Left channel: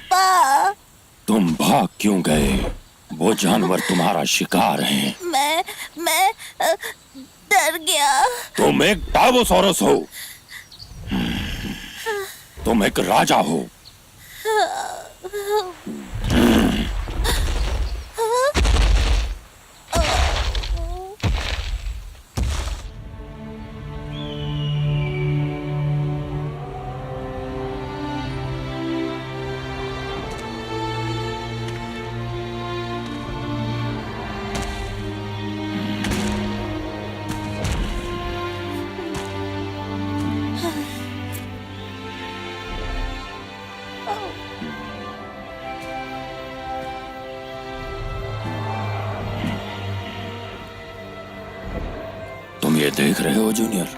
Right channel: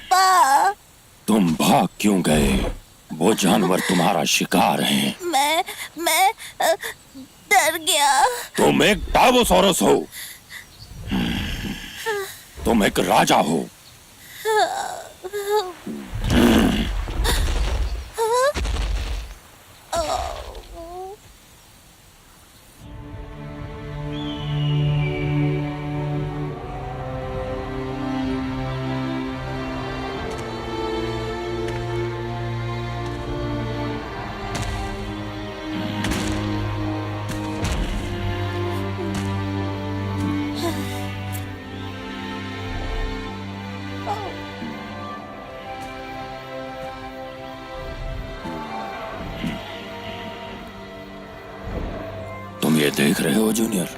पापा। तुम भाग क्यों गए? वो जानवर तुम्हारा शिकार हैं। मैं डर गया। तुम एक टार्बोसॉरस हो। तुम एक राजा हो। तुम ये देख रहे हो जूनियर?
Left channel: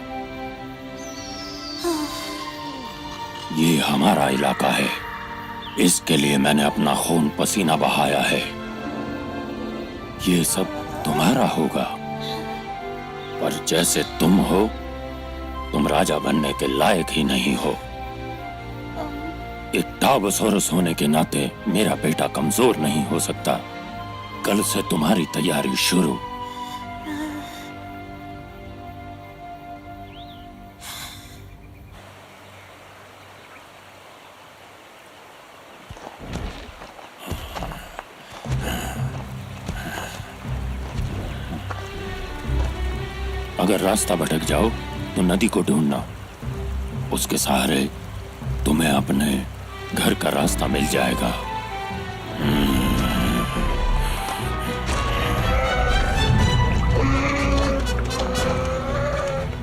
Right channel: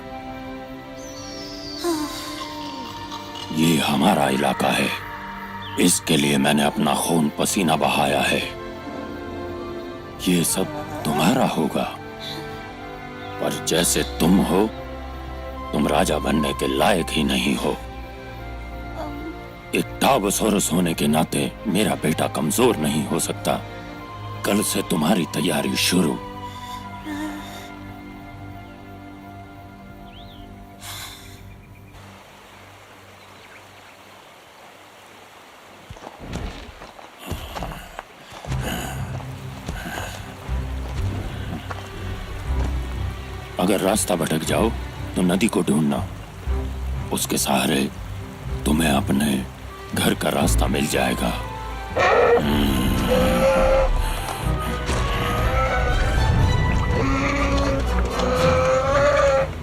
ये हमारा इलाका है। इसके लिए मैंने अपना खून पसीना बहाया है। ये सब तुम्हारा होगा, पर जैसे तुम हो, तुम राजा बनने के लायक ही नहीं हो। एक टार्बोसॉरस होने के नाते मेरा बेटा कमजोर नहीं हो सकता। कल से तुम्हारी तैयारी शुरू। अगर रास्ता भटक जाओ तो नदी को ढूंढना। उसके सहारे तुम्हें अपने घर का रास्ता मिल जाएगा।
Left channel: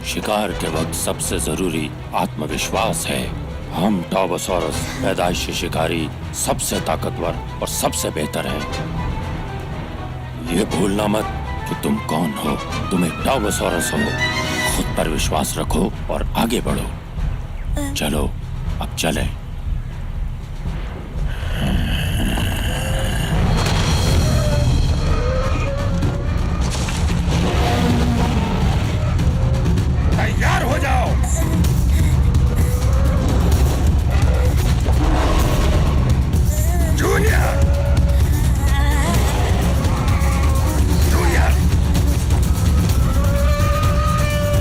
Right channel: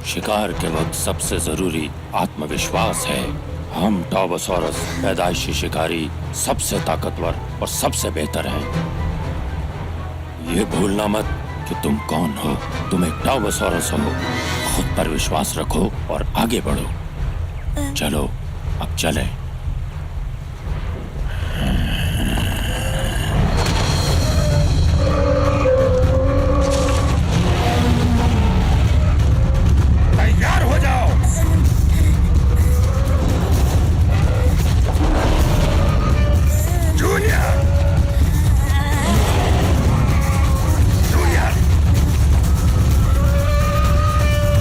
शिकार के वक्त सबसे जरूरी आत्मविश्वास है। हम टार्बोसॉरस पैदाइशी शिकारी सबसे ताकतवर और सबसे बेहतर हैं। ये भूलना मत कि तुम कौन हो। तुम एक टार्बोसॉरस हो। खुद पर विश्वास रखो और आगे बढ़ो। चलो अब चलें। तैयार हो जाओ। जूनियर, जूनियर,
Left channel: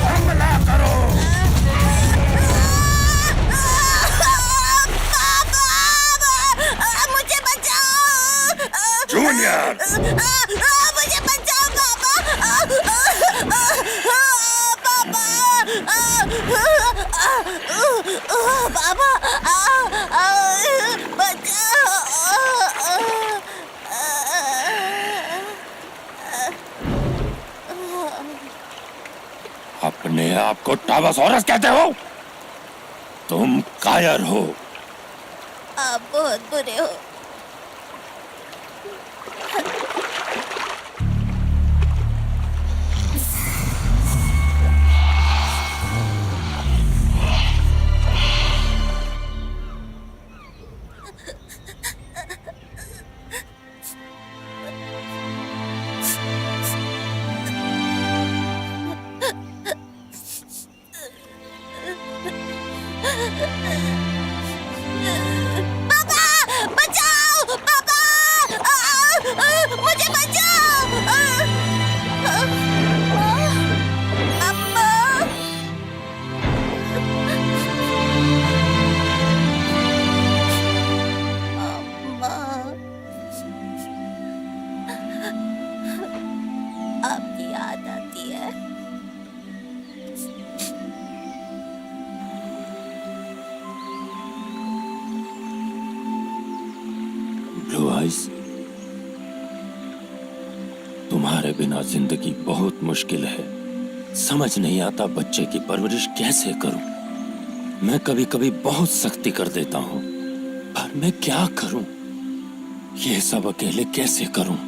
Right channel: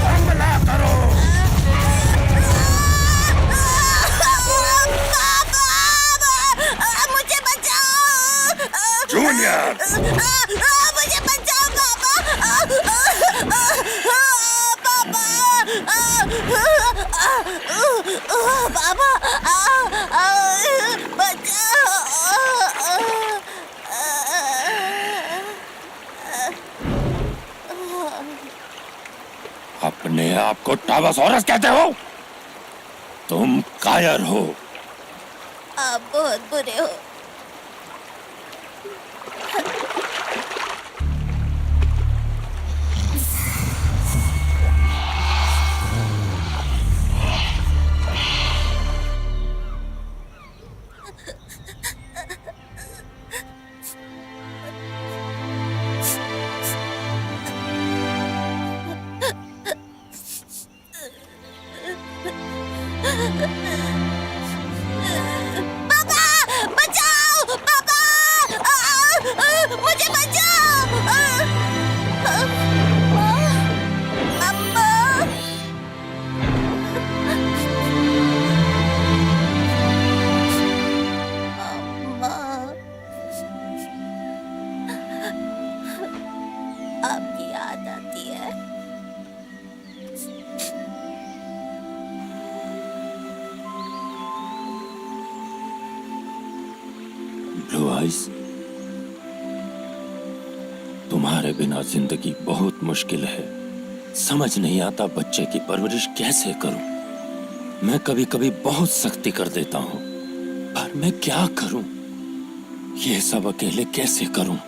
हमला करो। मुझे बचाओ। जूनियर, मुझे बचाओ पापा। पापा बचाओ। अपने आप को टार्बोसॉरस कहते हो? तुम कायर हो। आप बहुत बुरे हो। पापा बचाओ। पापा मुझे बचाओ। अम्मा। अम्मा, आपकी याद आती है। ब्लू आइज, तुम्हारे बिना जिंदगी बहुत मुश्किल है। समझ नहीं आता बच्चे की परवरिश कैसे करूं। मैं कभी कभी बहुत सख्ती कर देता हूं, पर मैं क्या करूं? ये सब अकेले कैसे करूं?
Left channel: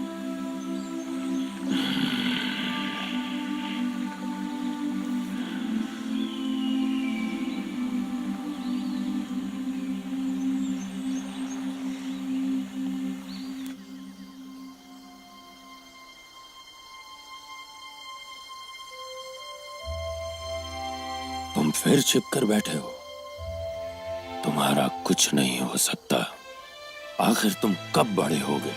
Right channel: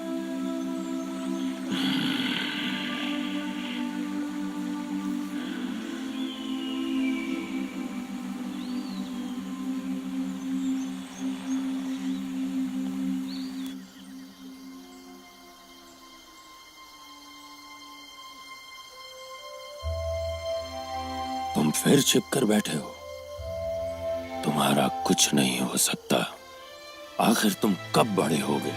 तुम फिर छिप कर बैठे हो। तुम्हारा कुछ नहीं हो सकता। आखिर तुम कब बड़े होगे?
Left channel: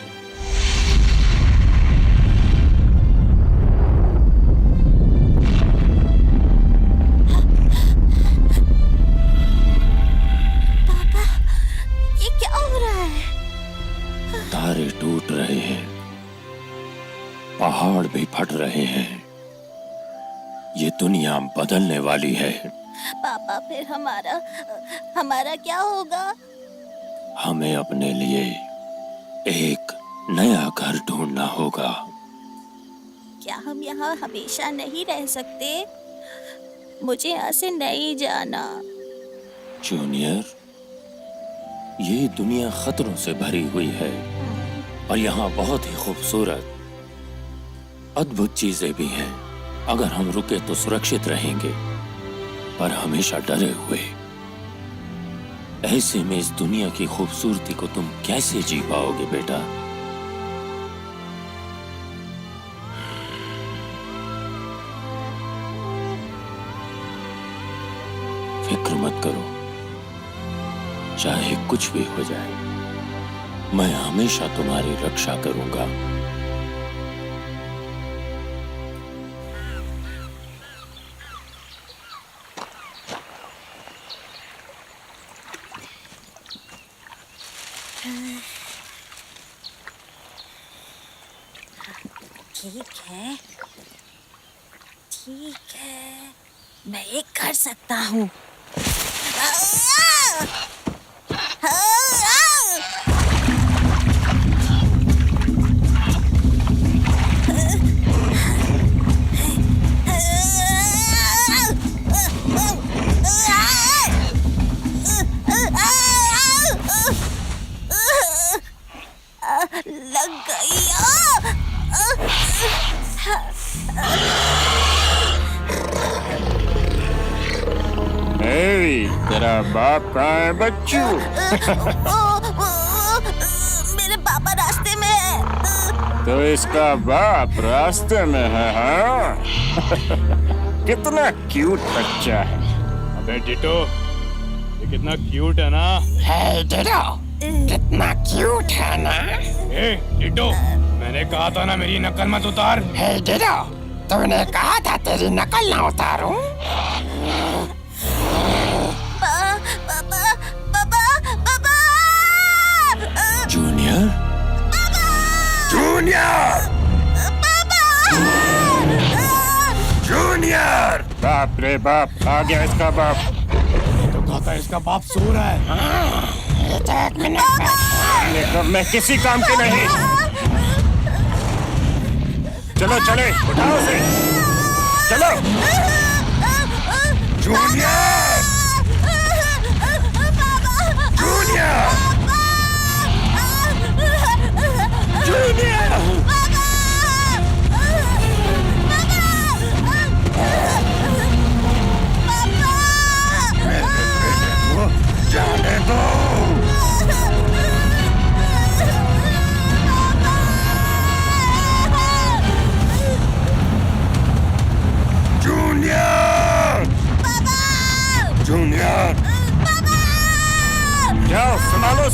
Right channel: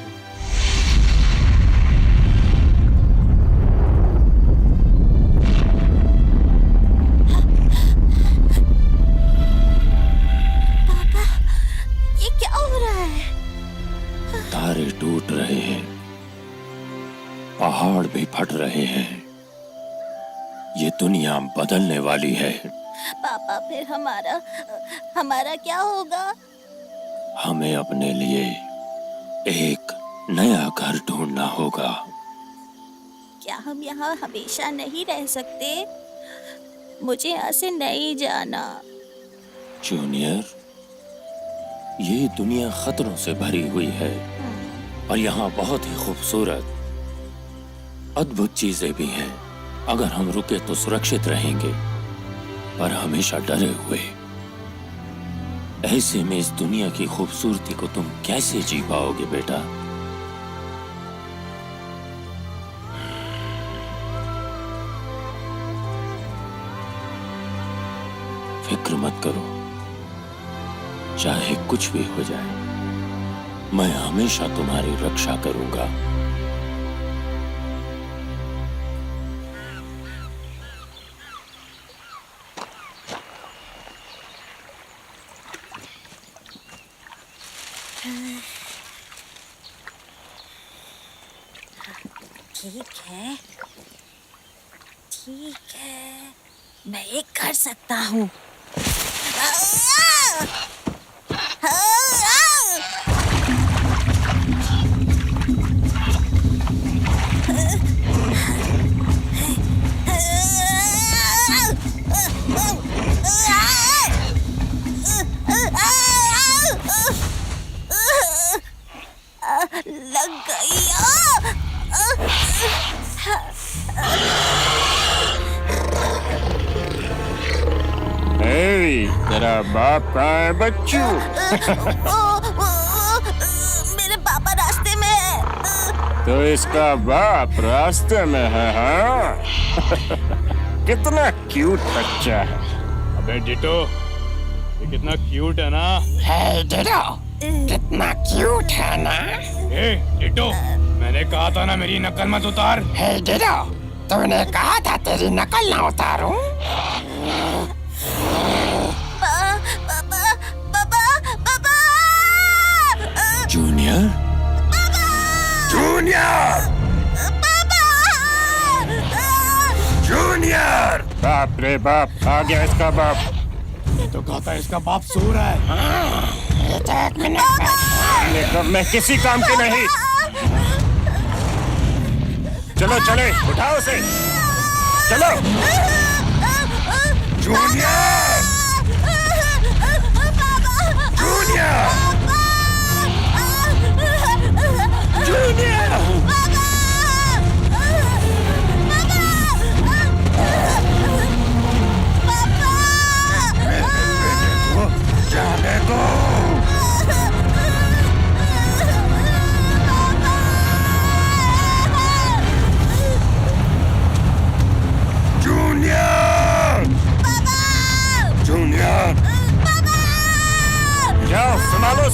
ये क्या हो रहा है? तारे टूट रहे हैं, पहाड़ भी फट रहे हैं। ये दुनिया बदलने वाली है। पापा फिर हमारा क्या होगा? हमें अपने लिए एक नया घर ढूंढना होगा। क्या हम यहाँ हमेशा नहीं रह सकते? मुझे यहाँ से नहीं जाना। जूनियर, ये दुनिया खतरों से भरी हुई है और यहाँ बहुत ही खूबसूरत, अद्भुत चीजें भी हैं। अगर हम रुके तो सुरक्षित रहेंगे, पर हमेशा डरे हुए। ऐसे में इस दुनिया की खूबसूरती को तुम कैसे जी पाओगे बेटा? फिक्र मत करो, चाहे कुछ भी हो जाए, मैं हमेशा तुम्हारी रक्षा करूंगा। ठीक है, मैं ये कर सकता हूँ। लग गई। तेरा बाप कहाँ है बच्चू? मेरे पापा रास्ते में है। तो इसका बाप रास्ते में है, हाँ? कितना क्यूट बच्चा है। अबे डिटो, ये कितना क्यूट है ना? है डिटो, कितना क्यूट है ना? ए डिटो, मैंने कहा था ना मेरी नकल मत उतार। है डिटो, तूने कहा था तेरी नकल ना उतारूं। Junior, junior, junior. बाप रे बाप, आ गया इसका बाप। तो कहता है इसका बाप सो रहा है। एक मिनट, मैं किसी काम की नहीं। चलो चले, उठाओ उसे, चलो। Junior, junior, junior. मेरे बेटे को जाने दो। Junior, junior. जाओ संभालो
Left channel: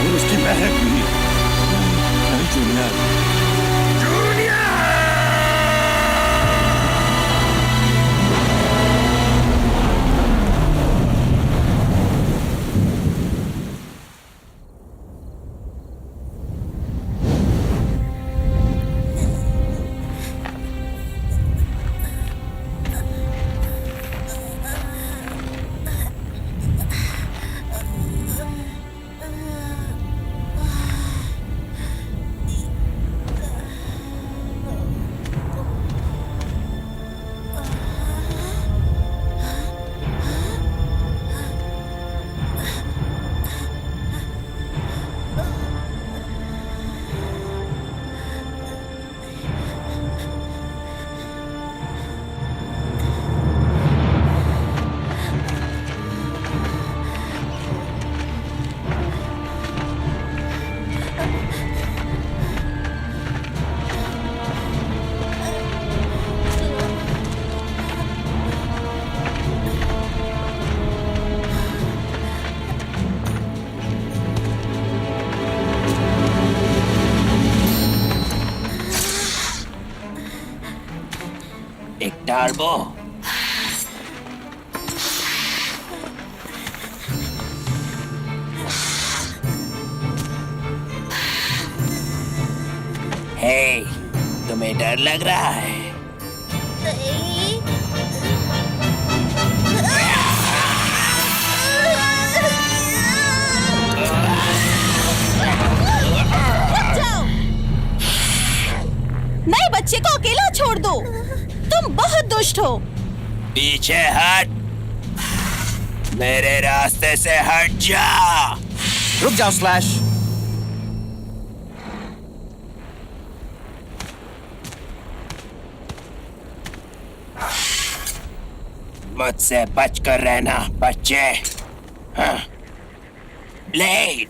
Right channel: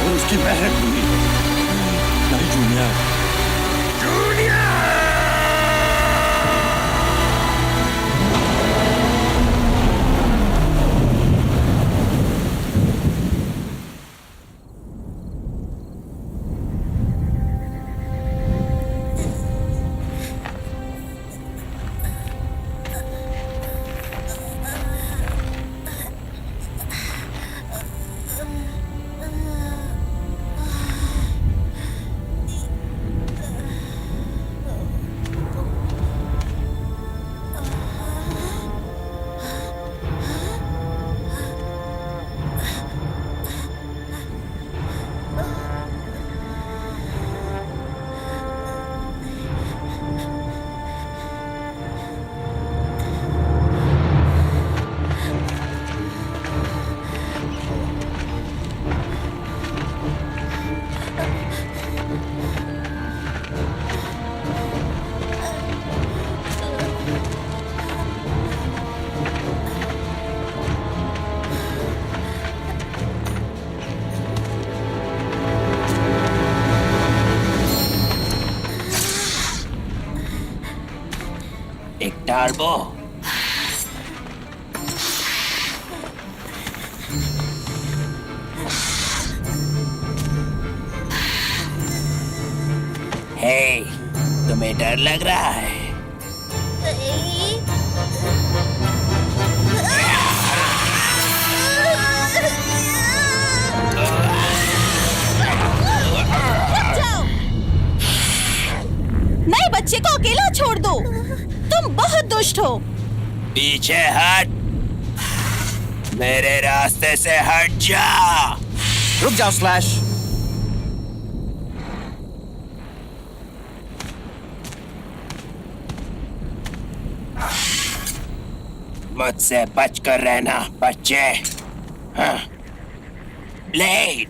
और उसकी महक भी। नहीं नहीं जूनियर, एक टार्बो। हे, तुम्हें डर लग रहा है? नहीं। रुक जाओ। नए बच्चे को अकेला छोड़ दो। तुम बहुत दुष्ट हो। पीछे हट, मेरे रास्ते से हट जा। रुक जाओ स्लैश। मुझसे बचकर रहना बच्चे। हाँ। ब्लेड,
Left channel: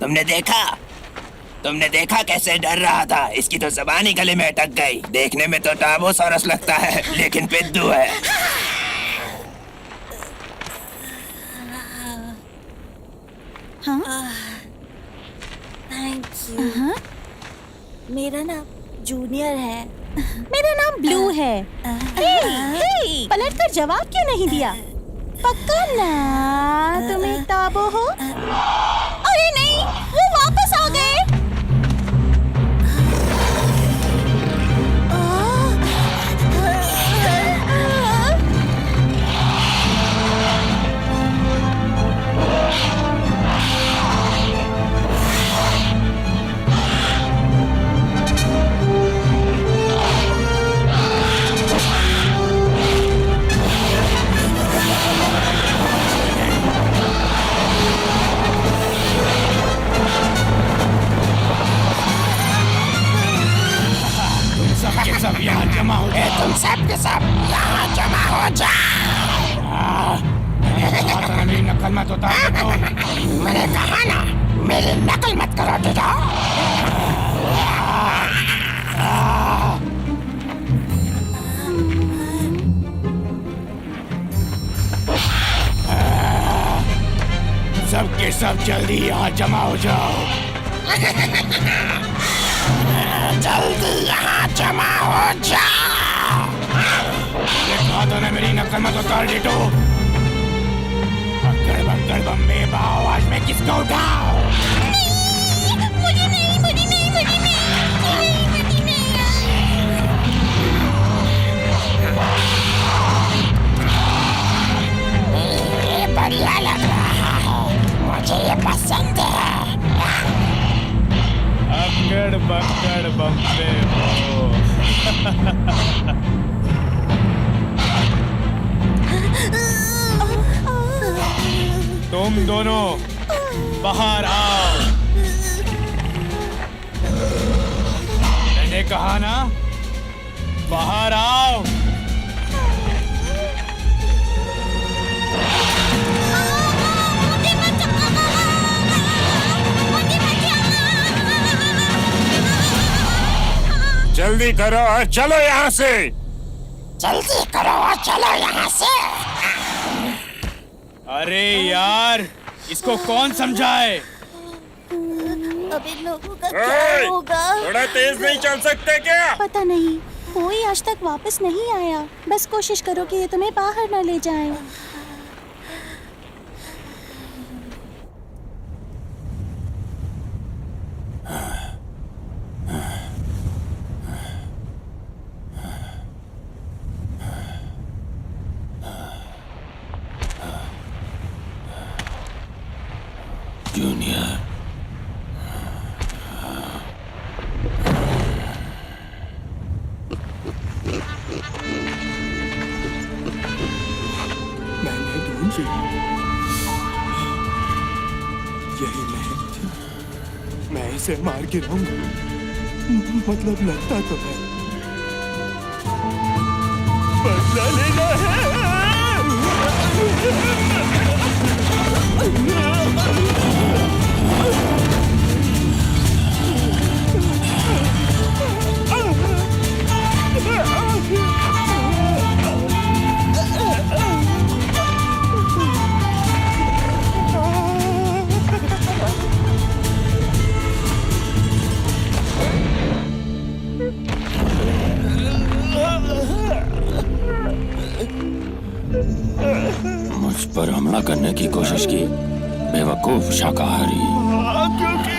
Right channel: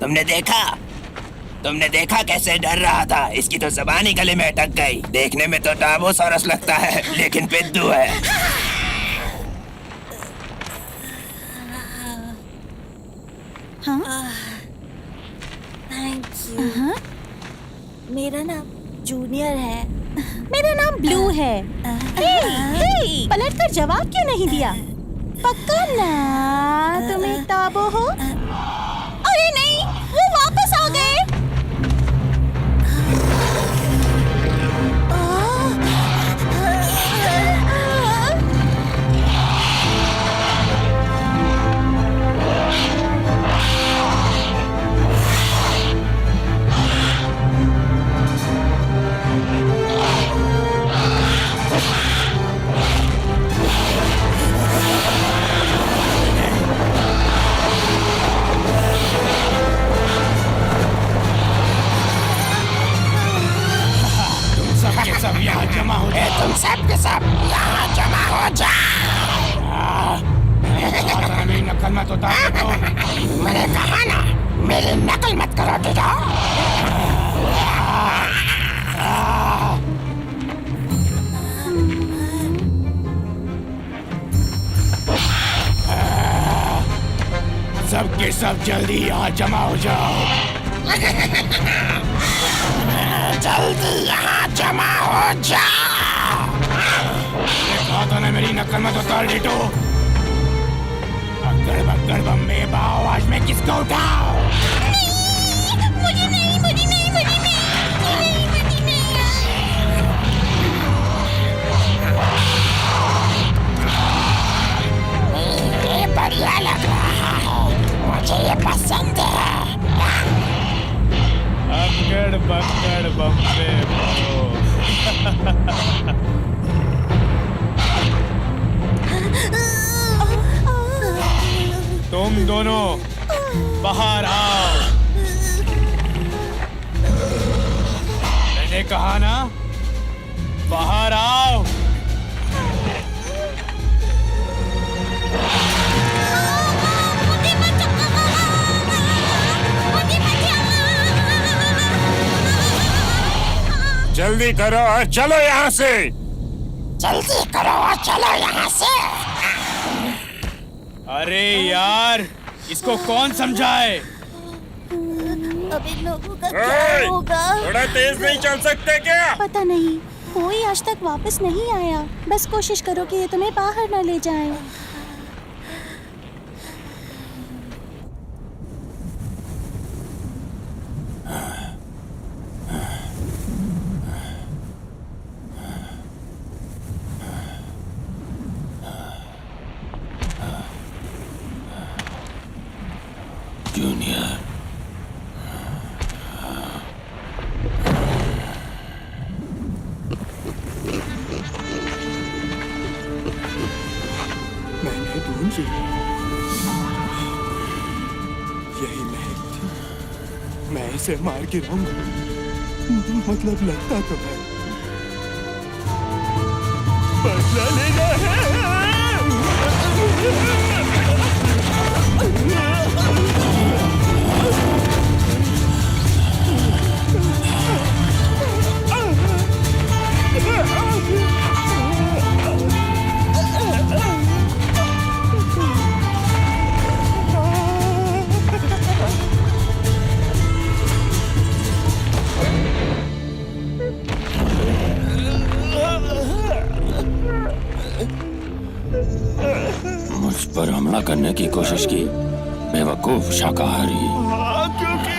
तुमने देखा कैसे डर रहा था? इसकी तो ज़बान ही गले में अटक गई। देखने में तो टाबोसॉरस लगता है, लेकिन पिद्दू है। Thank you. मेरा नाम जूनियर है। मेरा नाम ब्लू है। हे, पलट कर जवाब क्यों नहीं दिया? पक्का ना तुम एक टाबो हो? अरे नहीं, वो वापस आ गए। सब के सब यहाँ जमा हो जाओ। तुम सब के सब यहाँ जमा हो जाओ। मेरी नकल मत उतार दो। मैंने कहा ना, मेरी नकल मत करो बेटा। सब के सब जल्दी यहाँ जमा हो जाओ। जल्दी यहाँ जमा हो जाओ। ये कहा था ना, मेरी नकल मत उतार डेटो। अक्कड़ बक्कड़ बम्बे बाओ, आज मैं किसको उठाओ? मुझे नहीं। ये बढ़िया लग रहा है, मुझे ये पसंद है। अक्कड़ बक्कड़ बम्बे बाओ। तुम दोनों बाहर आओ। मैंने कहा ना, बाहर आओ। जल्दी करो और चलो यहाँ से। जल्दी करो और चलो यहाँ से। अरे यार, इसको कौन समझाए? अब इन लोगों का ए! क्या होगा? थोड़ा तेज नहीं चल सकते क्या? पता नहीं, कोई आज तक वापस नहीं आया। बस कोशिश करो कि ये तुम्हें बाहर न ले जाएं। जूनियर, मैंने ढूंढी, यही महक थी। मैं इसे मार गिराऊंगा, मतलब लगता तो है। बदला लेना है। मुझ पर हमला करने की कोशिश की, बेवकूफ शाकाहारी। क्योंकि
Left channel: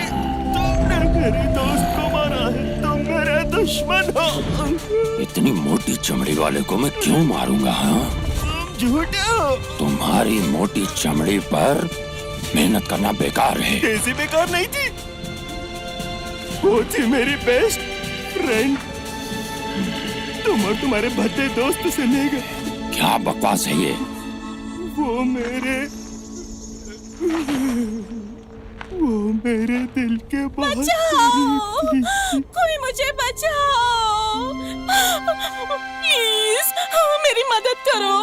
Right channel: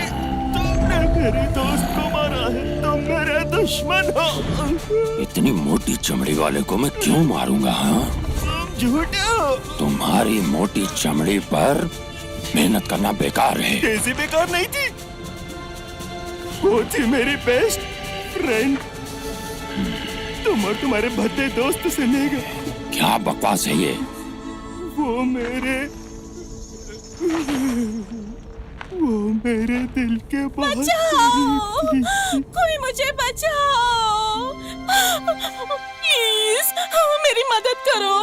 तुमने मेरे दोस्त को मारा है, तुम मेरे दुश्मन हो। इतनी मोटी चमड़ी वाले को मैं क्यों मारूंगा? हाँ, तुम झूठे हो। तुम्हारी मोटी चमड़ी पर मेहनत करना बेकार है। डेज़ी बेकार नहीं थी, वो थी मेरी बेस्ट फ्रेंड। तुम और तुम्हारे भद्दे दोस्त से ले गए। क्या बकवास है ये? वो मेरे दिल के बहुत बचाओ! करीब थी। कोई मुझे बचाओ! प्लीज, मेरी मदद करो।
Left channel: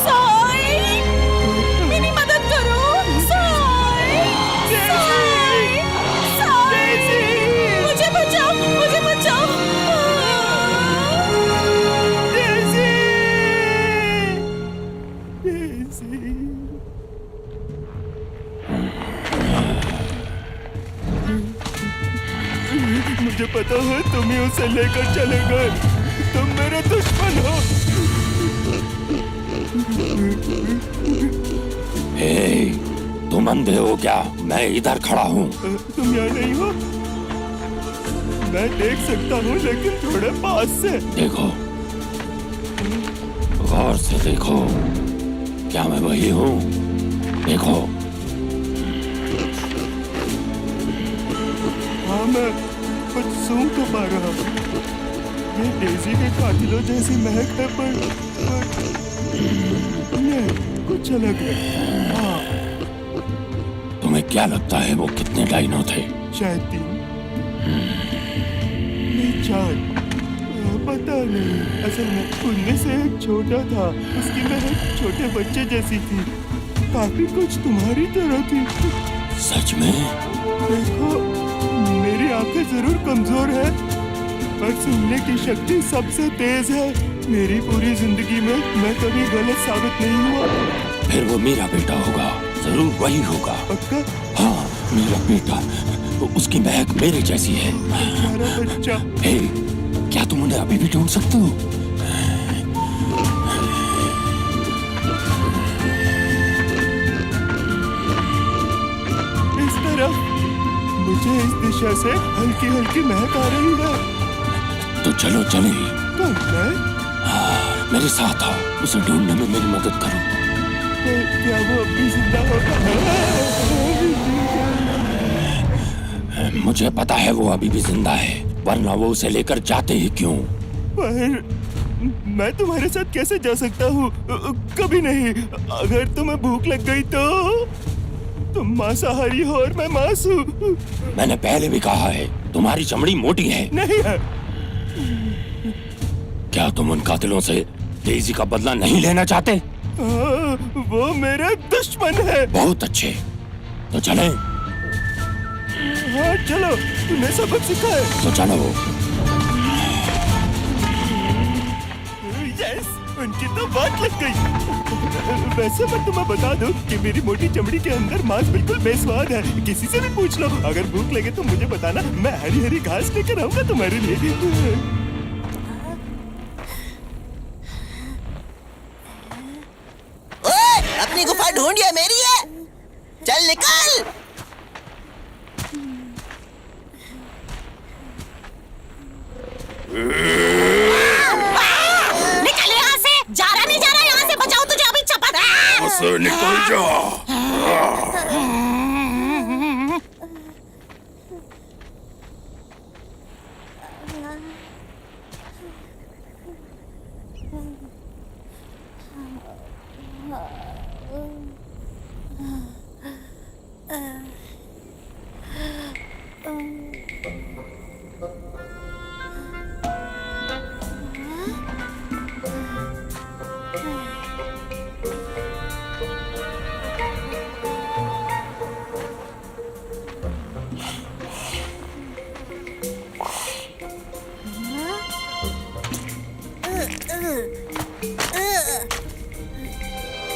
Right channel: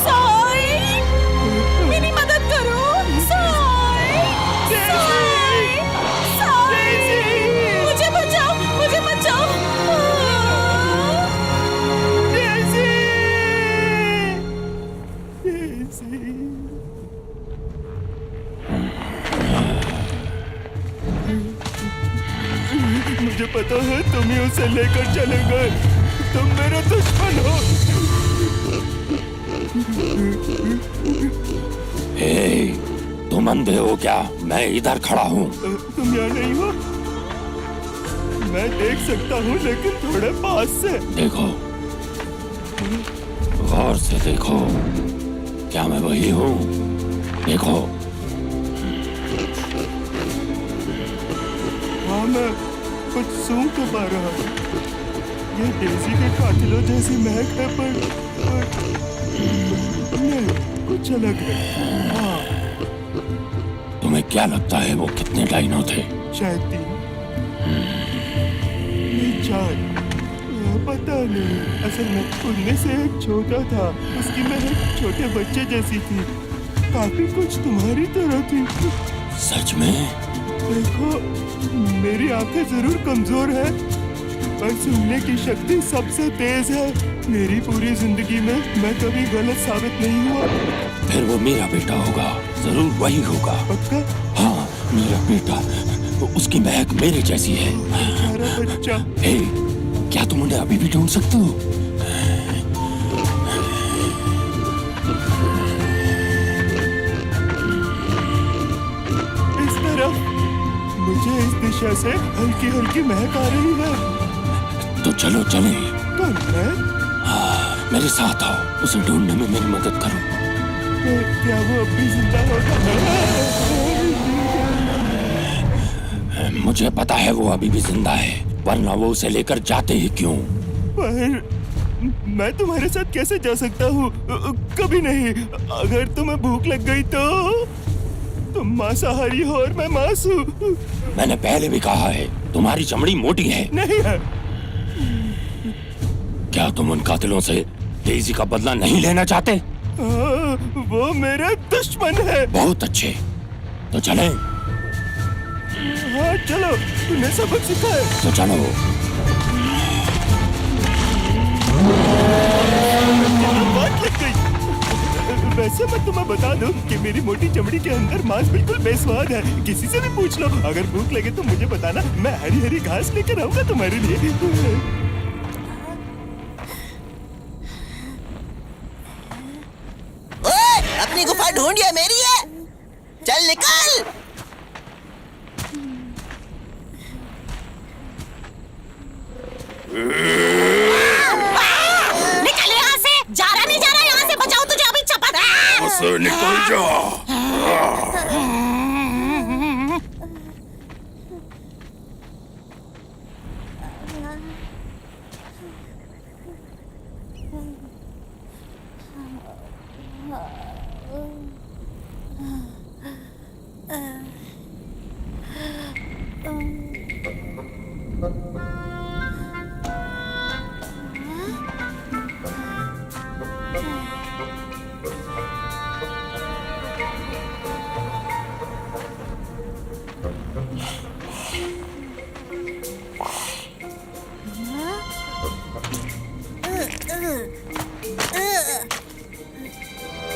साई, मेरी मदद करो। साई, साई, साई, मुझे बचाओ, मुझे बचाओ। मुझे पता है तुम ही उसे लेकर चले गए। तुम मेरे दुश्मन हो। हे, तुम अंधे हो क्या? मैं इधर खड़ा हूँ। तुम यहाँ नहीं हो? मैं देख सकता हूँ, लेकिन थोड़े पास से। देखो, गौर से देखो, क्या मैं वही हूँ? देखो। हाँ, मैं कुछ सूंघ तो पा रहा हूँ। ये डेज़ी के कातिलों जैसी महक है, पर नहीं, कुछ अलग है। हाँ, तुम्हें क्या लगता है वो कितने डाइनो थे? शायद 3 नहीं 4, पता नहीं। असल में उनमें से एक छोटा था, उसकी महक छोटे बच्चे जैसी थी, काफी कुछ तुम्हारी तरह थी। सच में? देखो, मेरी आंखें जरूर कमजोर है, पर सुनने की शक्ति सबसे तेज है। मेरी पूरी जिंदगी में मैं कभी गलत साबित नहीं हुआ। फिर वो मेरा बेटा होगा, जरूर वही होगा। पक्का? हाँ, मेरा बेटा। उसकी महक मेरे जैसी है। बेचारा बच्चा। हे, क्या तुम उन्हें अभी भी ढूंढ सकते हो? इस तरफ मुझे इस दिशा से हल्की हल्की महक आ रही है। तो चलो चले। कौन मैं? हाँ, मेरे साथ आओ, उसे ढूंढने में मेरी मदद करो। क्या वो अब भी जिंदा होगा? मुझे पता है वो अभी भी जिंदा है, वरना वो उसे लेकर जाते ही क्यों? पर मैं तुम्हारे साथ कैसे जा सकता हूँ? कभी नहीं। अगर तुम्हें भूख लग गई तो? तुम मांसाहारी हो और मैं मांस हूँ। मैंने पहले भी कहा है, तुम्हारी चमड़ी मोटी है। नहीं है। क्या तुम उन कातिलों से डेज़ी का बदला नहीं लेना चाहते? वो मेरे दुश्मन है। बहुत अच्छे, तो चलें। हाँ चलो, तूने सबक सीखा है तो चलो। मुझे तो बात लग गई। वैसे मैं तुम्हें बता दूं कि मेरी मोटी चमड़ी के अंदर मांस बिल्कुल बेस्वाद है। किसी से भी पूछ लो। अगर भूख लगे तो मुझे बताना, मैं हरी हरी घास लेकर आऊंगा तुम्हारे लिए। ओए, अपनी गुफा ढूंढिए, मेरी है। चल निकल। निकल यहाँ से। जा रहा यहाँ से। बचाओ तुझे अभी चपत। निकल जा।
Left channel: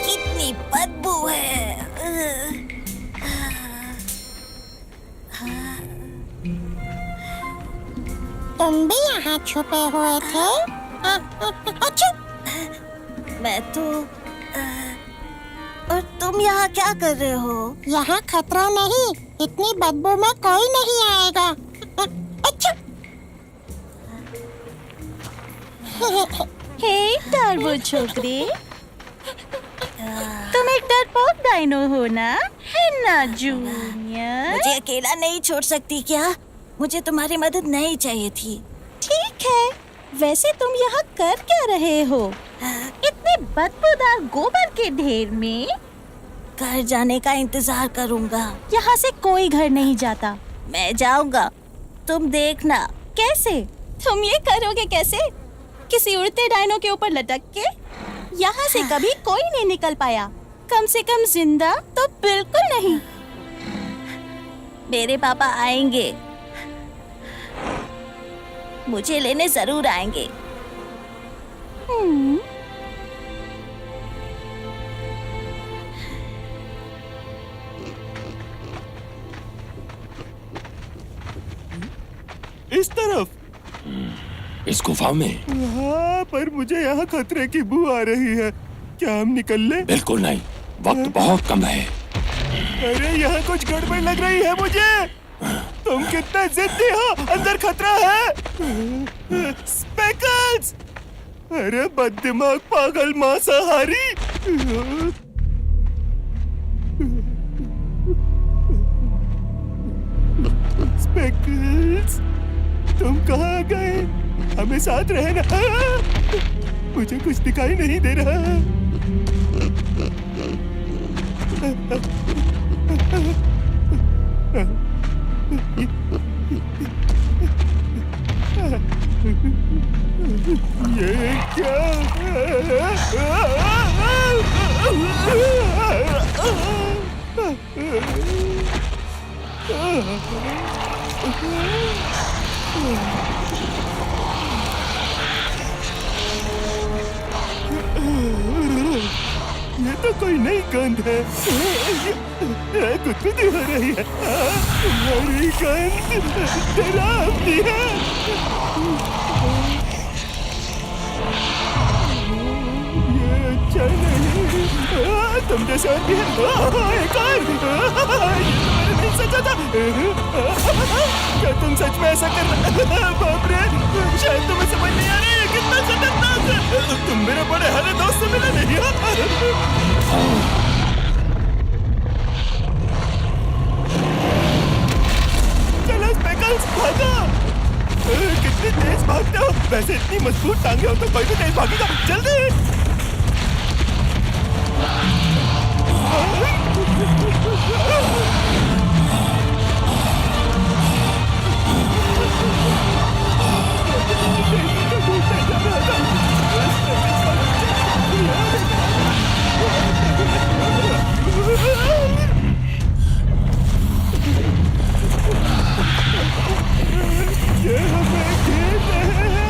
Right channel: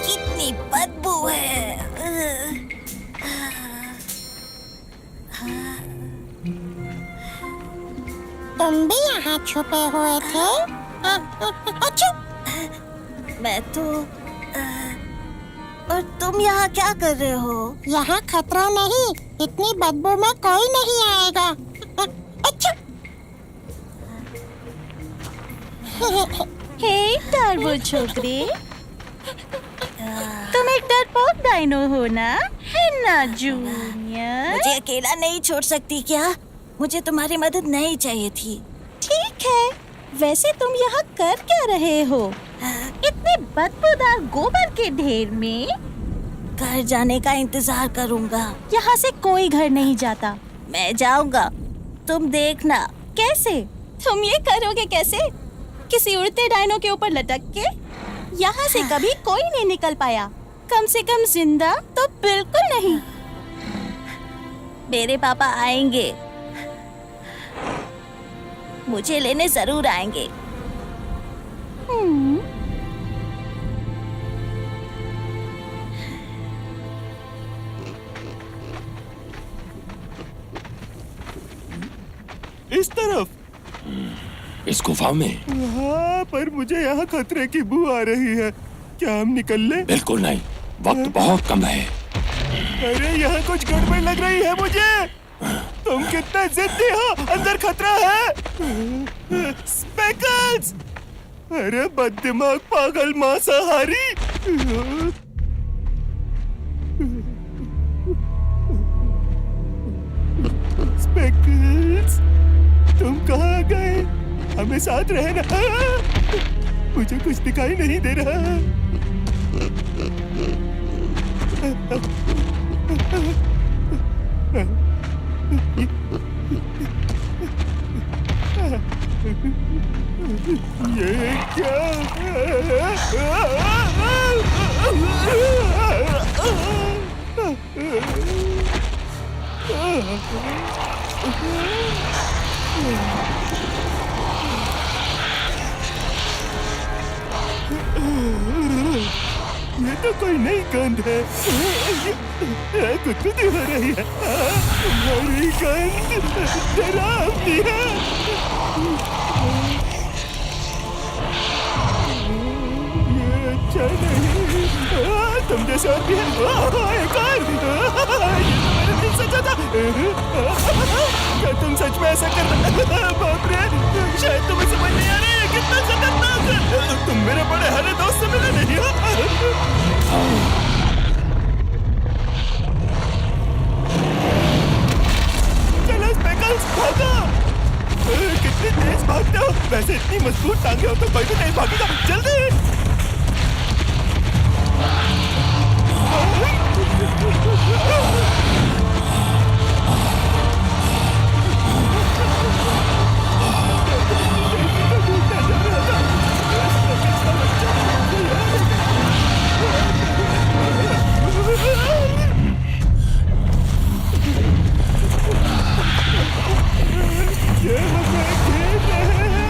कितनी बदबू है। तुम भी यहाँ छुपे हुए थे? अच्छा, मैं तो और तुम यहाँ क्या कर रहे हो? यहाँ खतरा नहीं, इतनी बदबू में कोई नहीं आएगा। अच्छा। हे टर्बो छोकरी, तुम एक डरपोक डायनो हो ना? है ना जूनियर? मुझे अकेला नहीं छोड़ सकती क्या? मुझे तुम्हारी मदद नहीं चाहिए थी। ठीक है, वैसे तुम यहाँ कर क्या रहे हो? इतने बदबूदार गोबर के ढेर में? घर जाने का इंतजार करूँगा। यहाँ से कोई घर नहीं जाता। मैं जाऊँगा, तुम देखना। कैसे? तुम ये करोगे कैसे? किसी उड़ते डायनो के ऊपर लटक के? यहाँ से कभी कोई नहीं निकल पाया। कम से कम जिंदा तो बिल्कुल नहीं। मेरे पापा आएंगे, मुझे लेने जरूर आएंगे। इस तरफ। इस गुफा में? हाँ, पर मुझे यहाँ खतरे की बू आ रही है। क्या हम निकल लें? बिल्कुल नहीं, वक्त बहुत कम है। अरे यहाँ कुछ गड़बड़ लग रही है मुझे। तुम कितने जिद्दी हो, अंदर खतरा है। स्पेकल्स! अरे बददिमाग पागल मांसाहारी। स्पेकल्स, तुम कहाँ गए? हमें साथ रहना। मुझे कुछ दिखाई नहीं दे रहा। ये क्या? ये तो कोई नई गंध है। गुदगुदी हो रही है। तुम्हारी गंध डरावनी है। ये अच्छा नहीं। तुम जैसे और भी है। एक और। ये तो मैंने नहीं सोचा था। क्या तुम सच में ऐसा कर रहे? बाप रे, शायद तुम्हें समझ नहीं आ रहा है कितना खतरनाक है। तुम मेरे बड़े हरे दोस्त से मिले नहीं हो? चलो स्पेकल्स, भागो। कितनी तेज भागते हो। वैसे इतनी मजबूत टांगे हो तो कोई भी तेज भागेगा। जल्दी। ढूंढने जा रहा था। इसका बच्चा यहाँ लेकर ये हमें घेर रहे हैं।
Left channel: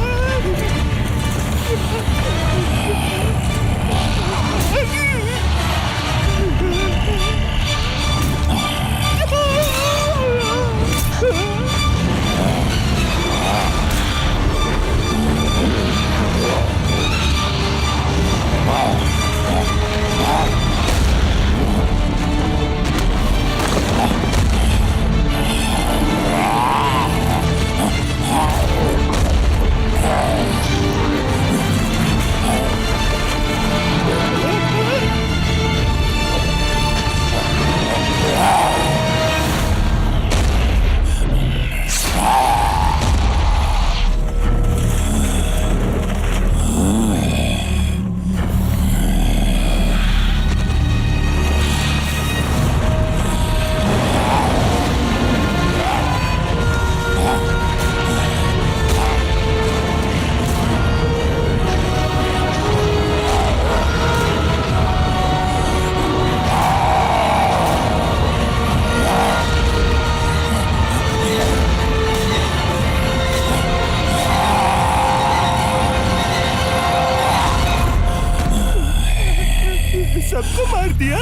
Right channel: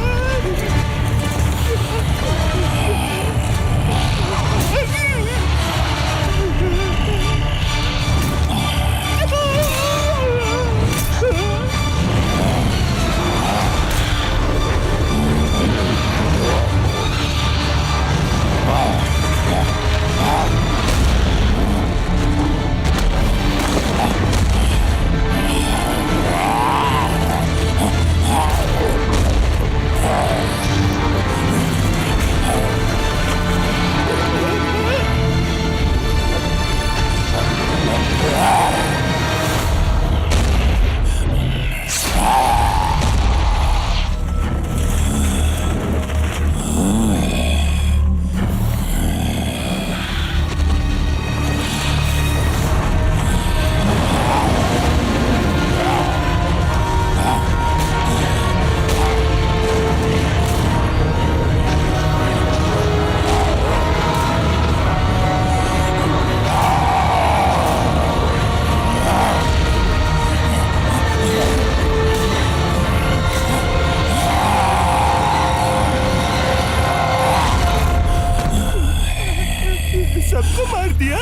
सबको मार दिया।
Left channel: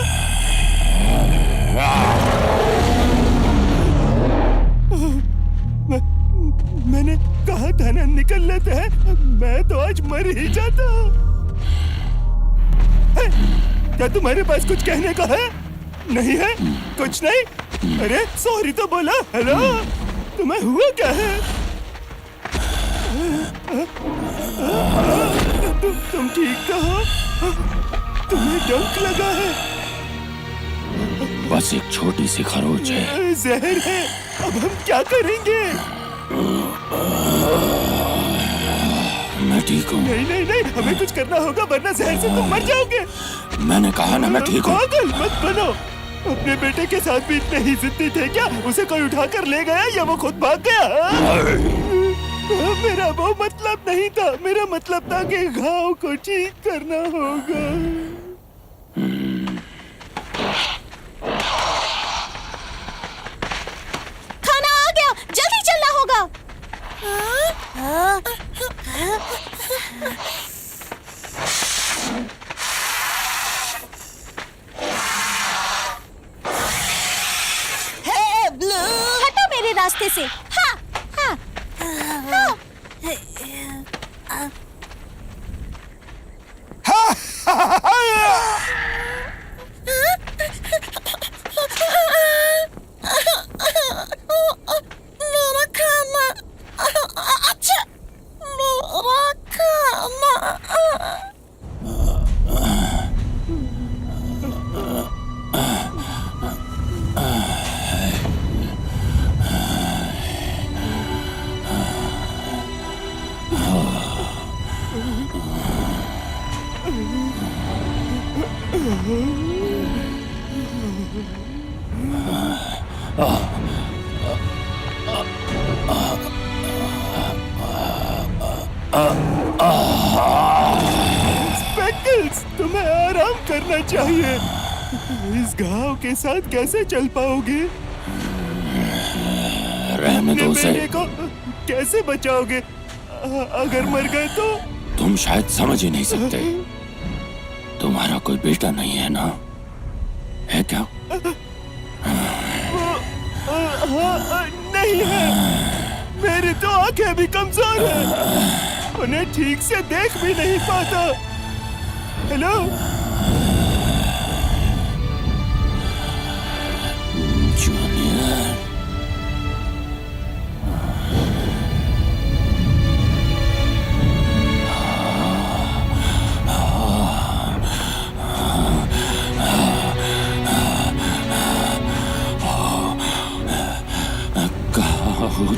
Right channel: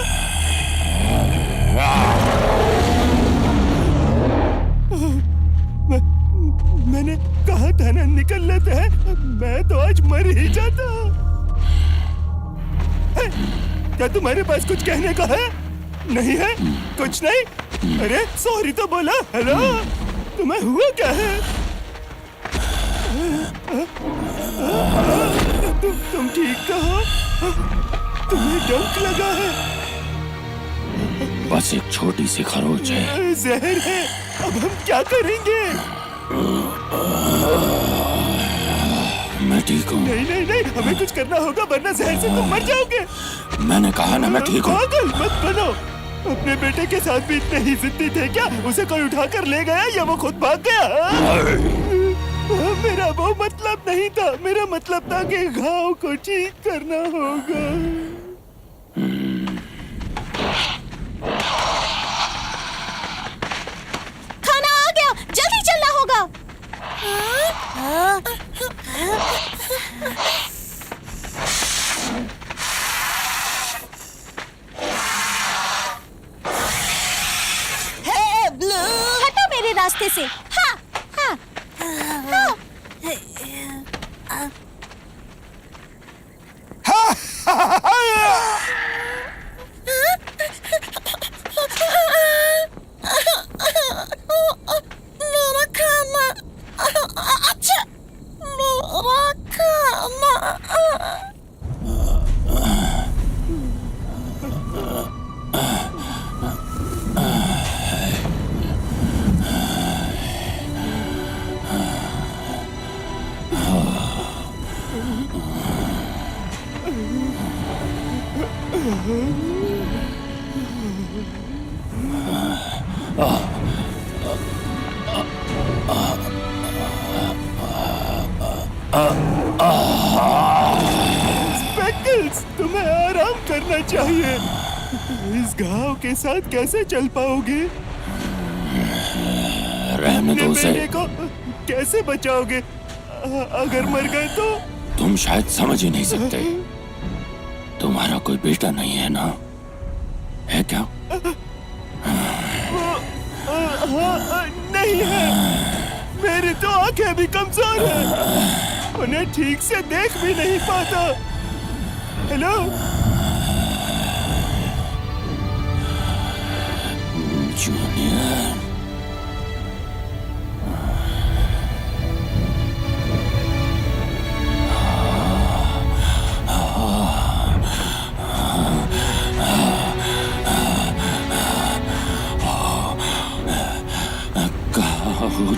मैंने कहा था ना निकल लेते हैं, मैं तो आज मर ही जाता। क्या तुम्हारे पास कुछ कहने का है? नहीं है? कुछ नहीं? अरे सॉरी तो बोला। हेलो, तुम्हें हुआ क्या है? तुम ठीक तो हो? तुम्हें डंक लगा है? बस एक छोटी सी खरोच है। जहर है। अब हम क्या करेंगे? मैं ठीक हूँ। नहीं नहीं नहीं, हमें कुछ करना होगा वरना जहर से तुम मर जाओगे। मैंने कहा ना मैं ठीक हूँ। पागल मत बनो। अपने बेटे के साथ भी इतने ही जिद्दी थे क्या? उसे कोई उठाकर ले गया या वो खुद भाग गया? मेरा वो मतलब नहीं था। मेरा मतलब था कि घाव को ठीक करना होगा। खाना आ गया, जल्दी चलना होगा। हे ब्लू, हटो मेरे रास्ते से। हाँ, हाँ, हाँ। मेरा खाना। अच्छा, मेरा खाना। स्पेकल्स, तुम्हें आराम करना चाहिए। इस घाव के साथ कैसे चल पाओगे? रहने दो उसे। बेटे को कैसे बचाओगे? अगर मर गए तो? तुम शायद समझ ही नहीं सकते। तुम्हारा कोई बेटा नहीं है ना? है क्या? नहीं है। मेरी तो आंखें भी कमजोर हैं। उन्हें ठीक से देख भी नहीं पाता। Hello, junior.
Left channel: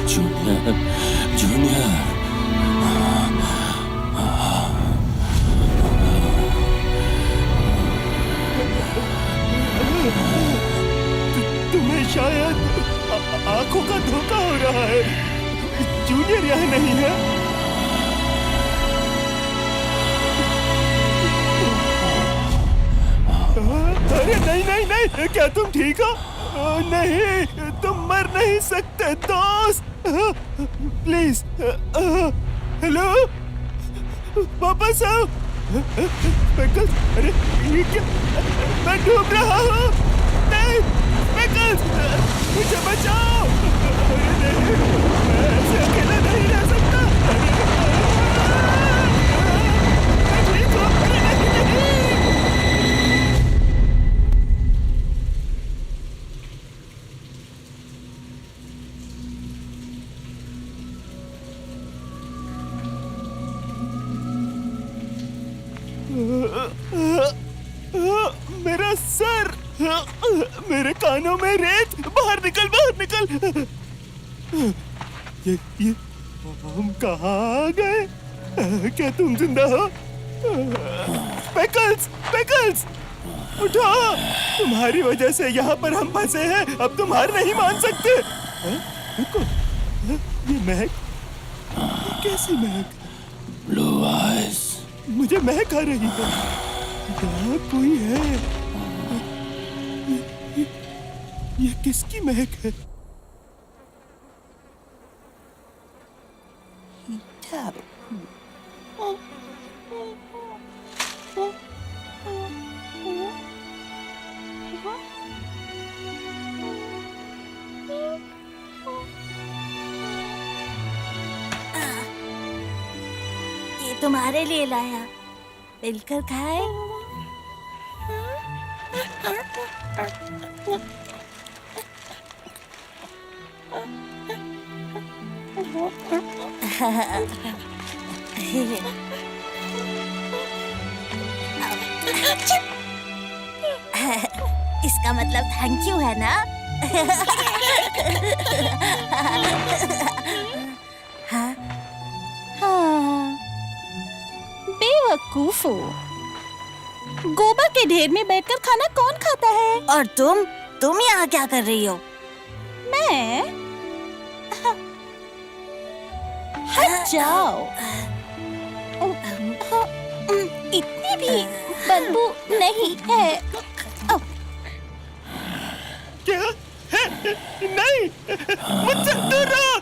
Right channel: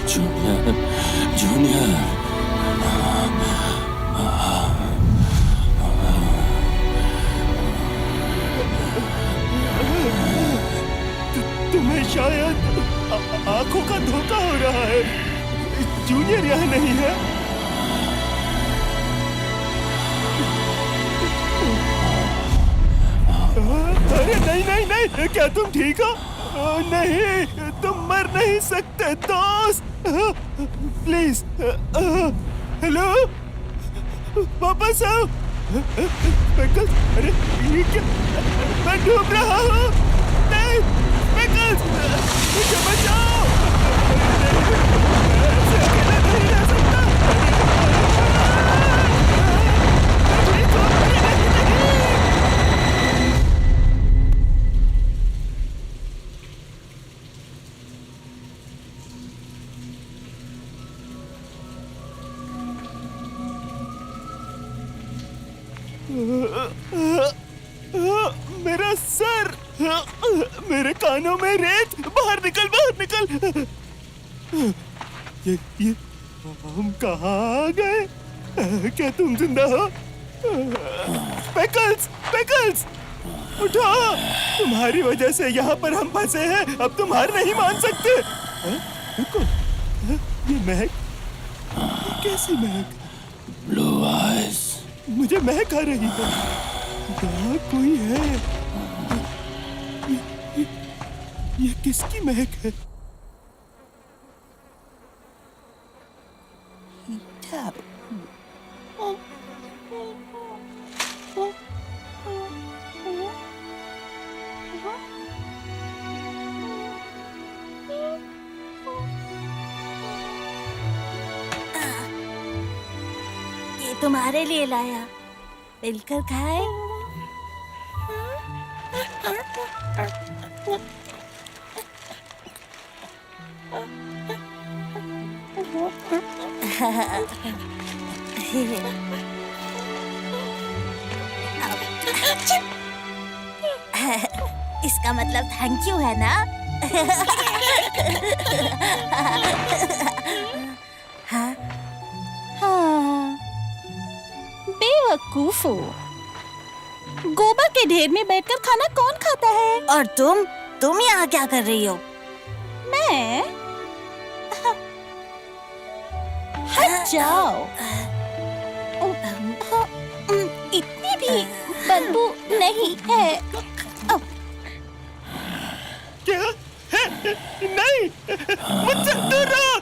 Junior, junior. तुम्हें शायद आंखों का धोखा हो रहा है। जूनियर यहाँ नहीं है। अरे नहीं नहीं नहीं, क्या तुम ठीक हो? नहीं, तुम मर नहीं सकते दोस्त। प्लीज, हेलो, वापस आओ। अरे ये क्या? मैं डूब रहा हूँ। नहीं, मुझे बचाओ। मैं ऐसे अकेला नहीं रह सकता। मैं ठीक हूँ। नहीं। मेरा सर, मेरे कानों में रेत। बाहर निकल, बाहर निकल। ये हम कहाँ आ गए? क्या तुम जिंदा हो? स्पेकल्स, स्पेकल्स, उठो। तुम्हारी वजह से यहाँ पर हम फंसे हैं। अब तुम हार नहीं मान सकते। रुको, ये महक, कैसी महक? Blue eyes. मुझे महक आ रही है। यहाँ कोई है। ये किसकी महक है? ये तुम्हारे लिए लाया, मिलकर खाए। इसका मतलब थैंक यू है ना? हाँ, बेवकूफ हो। गोबर के ढेर में बैठकर खाना कौन खाता है? और तुम यहाँ क्या कर रही हो? मैं? हट जाओ। इतनी भी बदबू नहीं है। क्या? नहीं, मुझसे दूर रहो।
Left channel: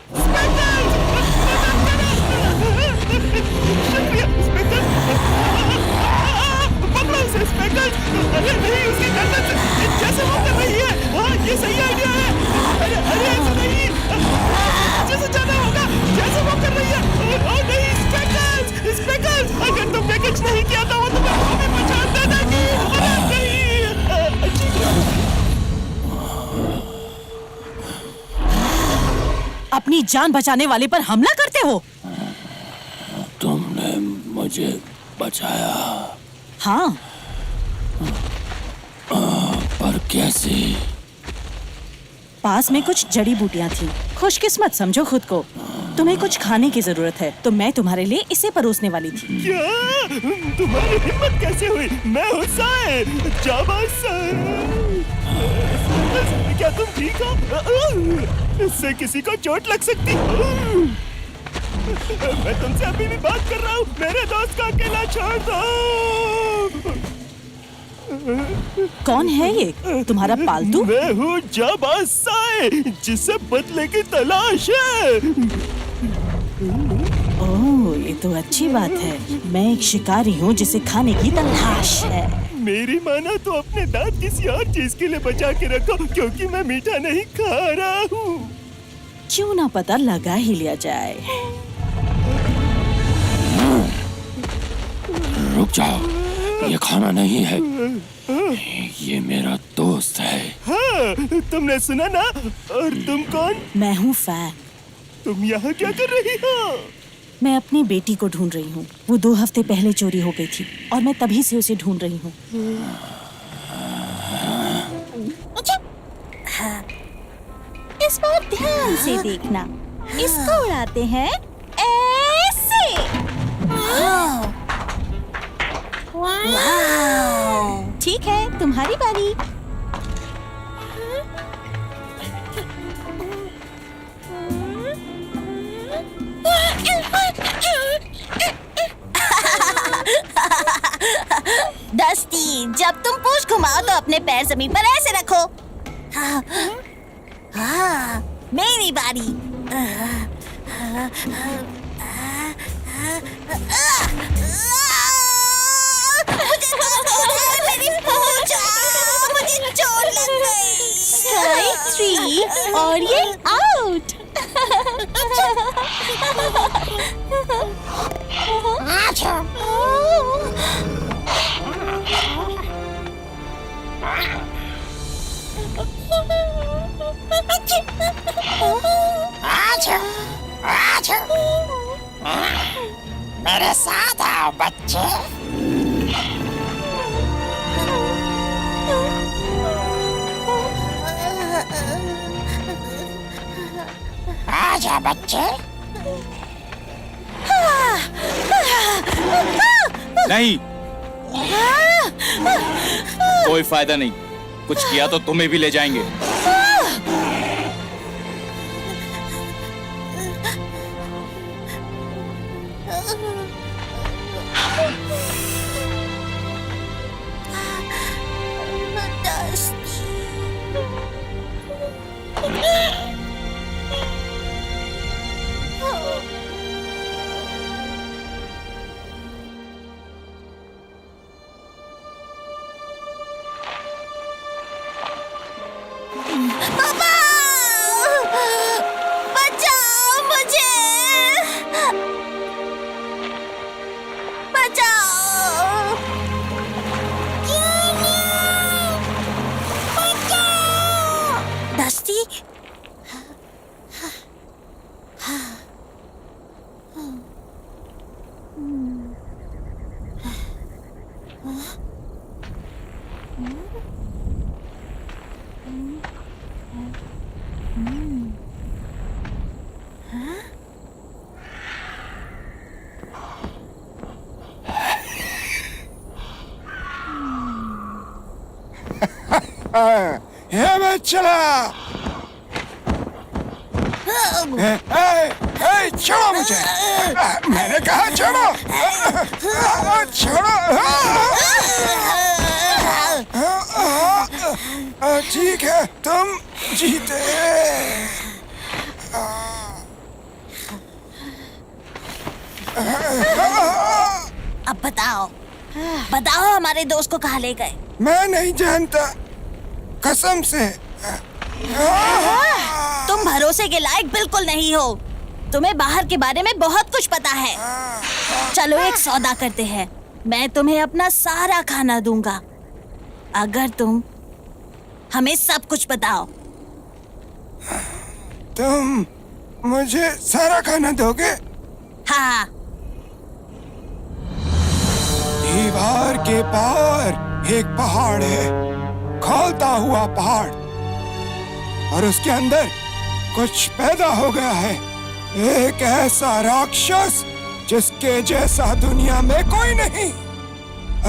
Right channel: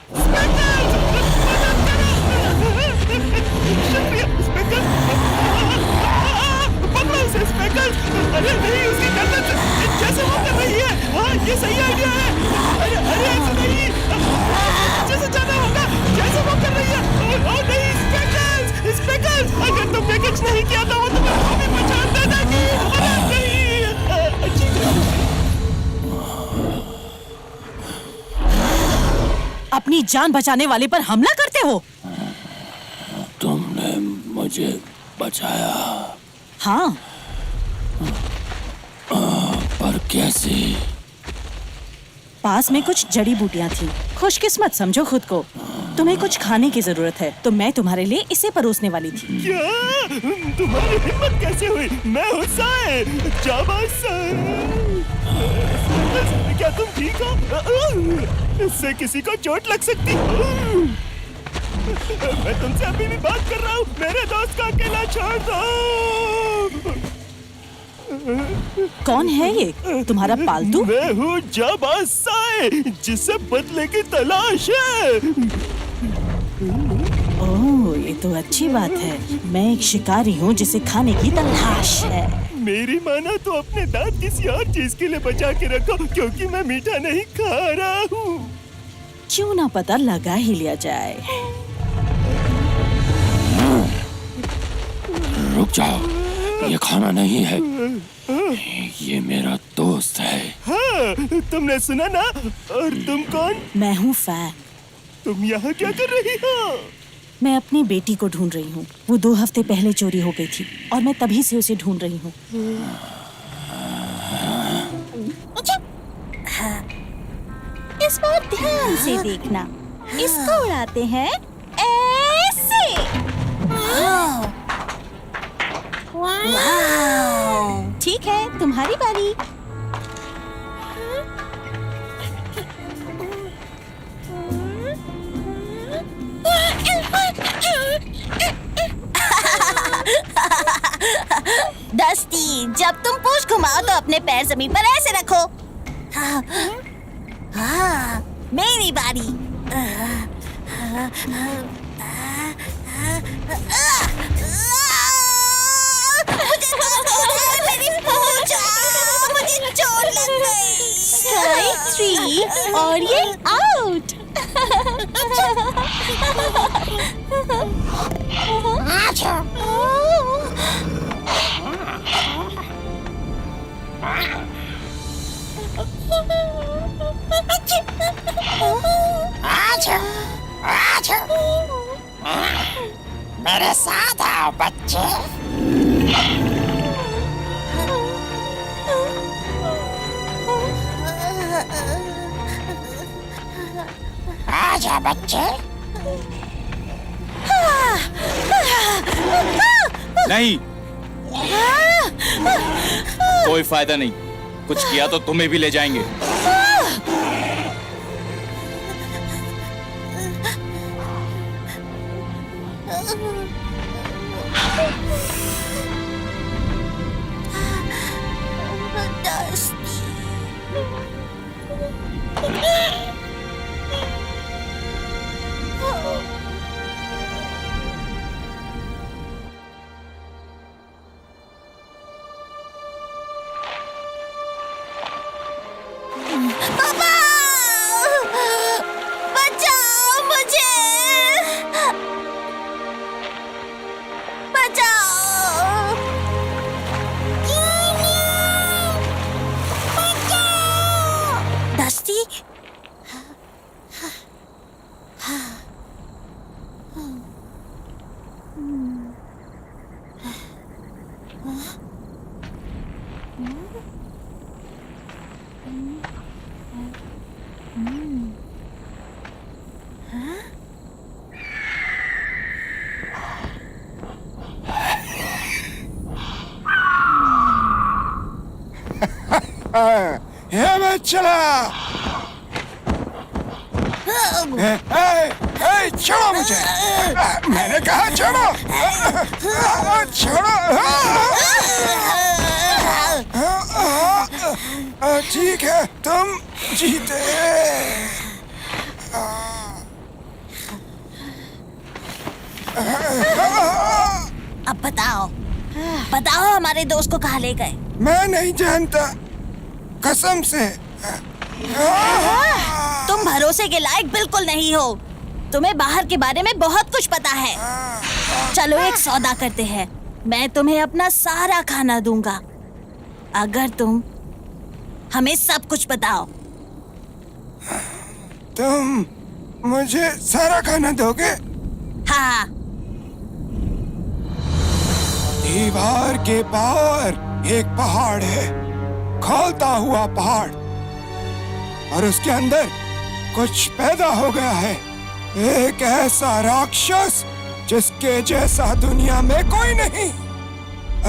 शुक्रिया स्पेकल। पकड़ो उसे स्पेकल। अरे नहीं, उसकी गर्दन से जैसे वो कर रही है। हाँ, ये सही आइडिया है। अरे अरे ऐसा नहीं, जैसे जाना होगा जैसे वो कर रही है। ओ नहीं स्पेकल, स्पेकल, अगर तुमने कुछ नहीं किया तो वो तुम्हें भी पहचान देगी। अरे नहीं, अच्छी अपनी जान बचाने वाले पर हमला करते हो? तुमने मुझे बचाया। हाँ, पर कैसे? पास में कुछ जड़ी बूटियां थी। खुशकिस्मत समझो खुद को। तुम्हें कुछ खाने की जरूरत है तो मैं तुम्हारे लिए इसे परोसने वाली थी। क्या? तुम्हारी हिम्मत कैसे हुई? मैं हूँ साए, जाबाज साए। क्या तुम ठीक हो? इससे किसी को चोट लग सकती। मैं तुमसे अभी भी बात कर रहा हूँ। मेरे दोस्त को अकेला छोड़ दो। कौन है ये? तुम्हारा पालतू? मैं हूँ जाबाज साए, जिसे बदले की तलाश है। ओह, ये तो अच्छी बात है। मैं एक शिकारी हूँ जिसे खाने की तलाश है। मेरी मानो तो अपने दांत किसी और चीज के लिए बचा के रखो, क्योंकि मैं मीठा नहीं खा रहा हूँ। क्यों ना पता लगा ही लिया जाए। रुक जाओ, ये खाना नहीं है, ये मेरा दोस्त है। हाँ, तुमने सुना ना? और तुम कौन? मैं हूँ फैन। तुम यहाँ क्या कर रही हो? मैं अपनी बेटी को ढूंढ रही हूँ। वो 2 हफ्ते पहले चोरी हो गई थी और मैं तभी से उसे ढूंढ रही हूँ। हाँ, इस बार ध्यान से देखना। इसको उड़ाते हैं ऐसे। वाह! ठीक है, तुम्हारी बारी। डस्टी, जब तुम पूंछ घुमाओ तो अपने पैर जमीन पर ऐसे रखो। हाँ, हाँ, मेरी बारी। मेरी पूंछ, मुझे चोट लग गई। स्ट्राइक 3 और ये आउट। मेरे साथ आओ बच्चे। आजा बच्चे। नहीं, कोई फायदा नहीं। कुछ किया तो तुम्हें भी ले जाएंगे। पापा, बचाओ मुझे, बचाओ। डस्टी, ये मैं चला। छोड़ो मुझे, मैंने कहा छोड़ो। छोड़ो। ठीक है, तुम जीते। अब बताओ, बताओ हमारे दोस्त को कहाँ ले गए? मैं नहीं जानता, कसम से। तुम भरोसे के लायक बिल्कुल नहीं हो। तुम्हें बाहर के बारे में बहुत कुछ पता है। चलो एक सौदा करते हैं। मैं तुम्हें अपना सारा खाना दूंगा अगर तुम हमें सब कुछ बताओ। तुम मुझे सारा खाना दोगे? हाँ। दीवार के पार एक पहाड़ है, खौलता हुआ पहाड़, और उसके अंदर कुछ पैदा हो गया है। एक ऐसा राक्षस जिसके जैसा दुनिया में कोई नहीं।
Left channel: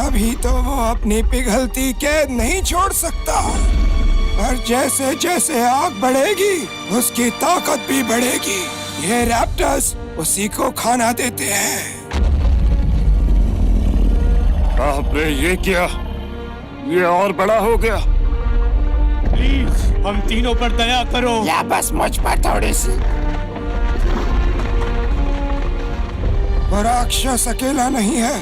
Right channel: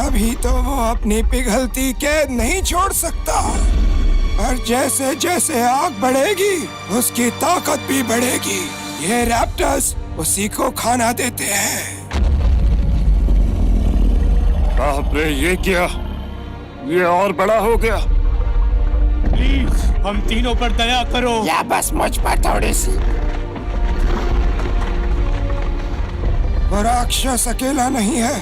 अभी तो वो अपनी पिघलती कैद नहीं छोड़ सकता, और जैसे जैसे आग बढ़ेगी उसकी ताकत भी बढ़ेगी। ये रैप्टर्स उसी को खाना देते हैं। बाप रे, ये क्या? ये और बड़ा हो गया। प्लीज हम तीनों पर दया करो। या बस मुझ पर थोड़ी सी। वो राक्षस अकेला नहीं है,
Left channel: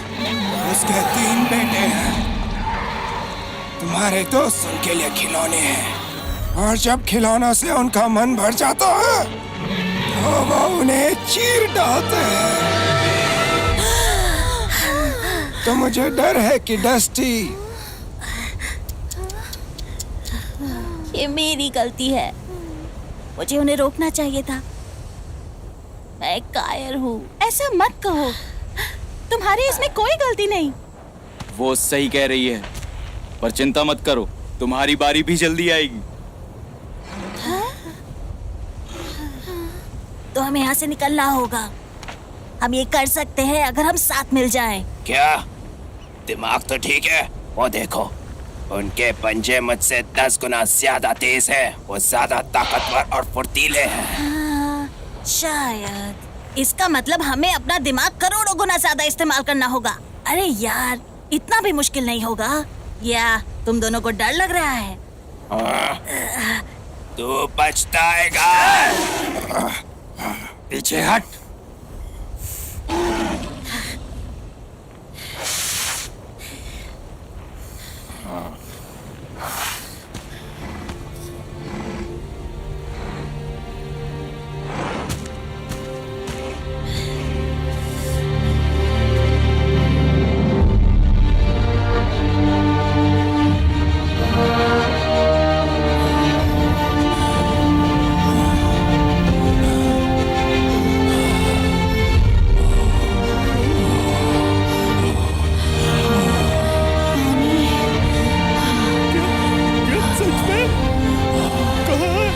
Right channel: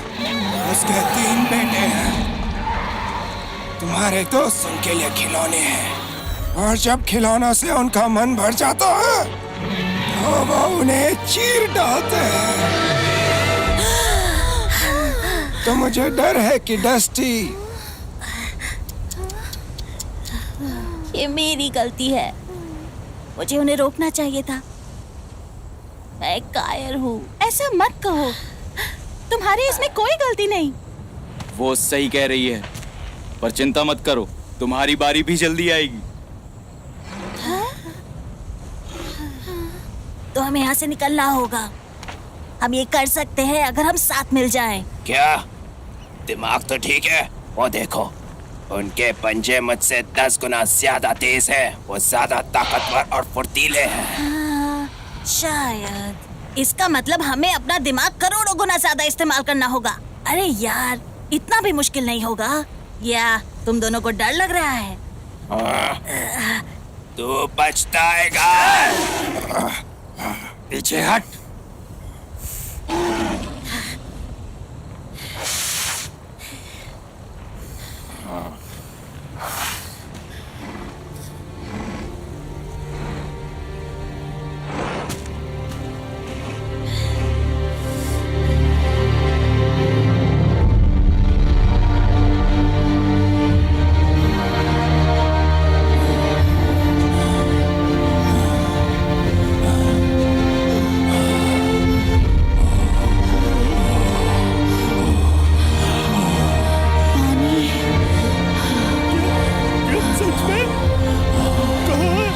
उसके 3 बेटे हैं। तुम्हारे दोस्त उनके लिए खिलौने हैं, और जब खिलौनों से उनका मन भर जाता है तो वो उन्हें चीर डालते हैं। तो मुझे डर है कि डस्टी, ये मेरी गलती है। मुझे उन्हें रोकना चाहिए था। मैं कायर हूँ। ऐसा मत कहो, तुम्हारी इसमें कोई गलती नहीं। वो सही कह रही है, पर चिंता मत करो, तुम्हारी बारी भी जल्दी आएगी। तो हमें यहाँ से निकलना होगा। हम ये कर सकते हैं अगर हम साथ मिल जाएं। क्या दिमाग तो ठीक है? वो देखो, उनके पंजे मुझसे 10 गुना ज्यादा तेज है। वो ज्यादा ताकतवर और फुर्तीले हैं। हाँ, शायद इसका मतलब हमें अपना दिमाग करोड़ों गुना ज्यादा इस्तेमाल करना होगा। अरे यार, इतना भी मुश्किल नहीं होगा। या तुम दोनों को डर लग रहा है? तू पछताएगा। पीछे हट। क्या सच में? कहाँ?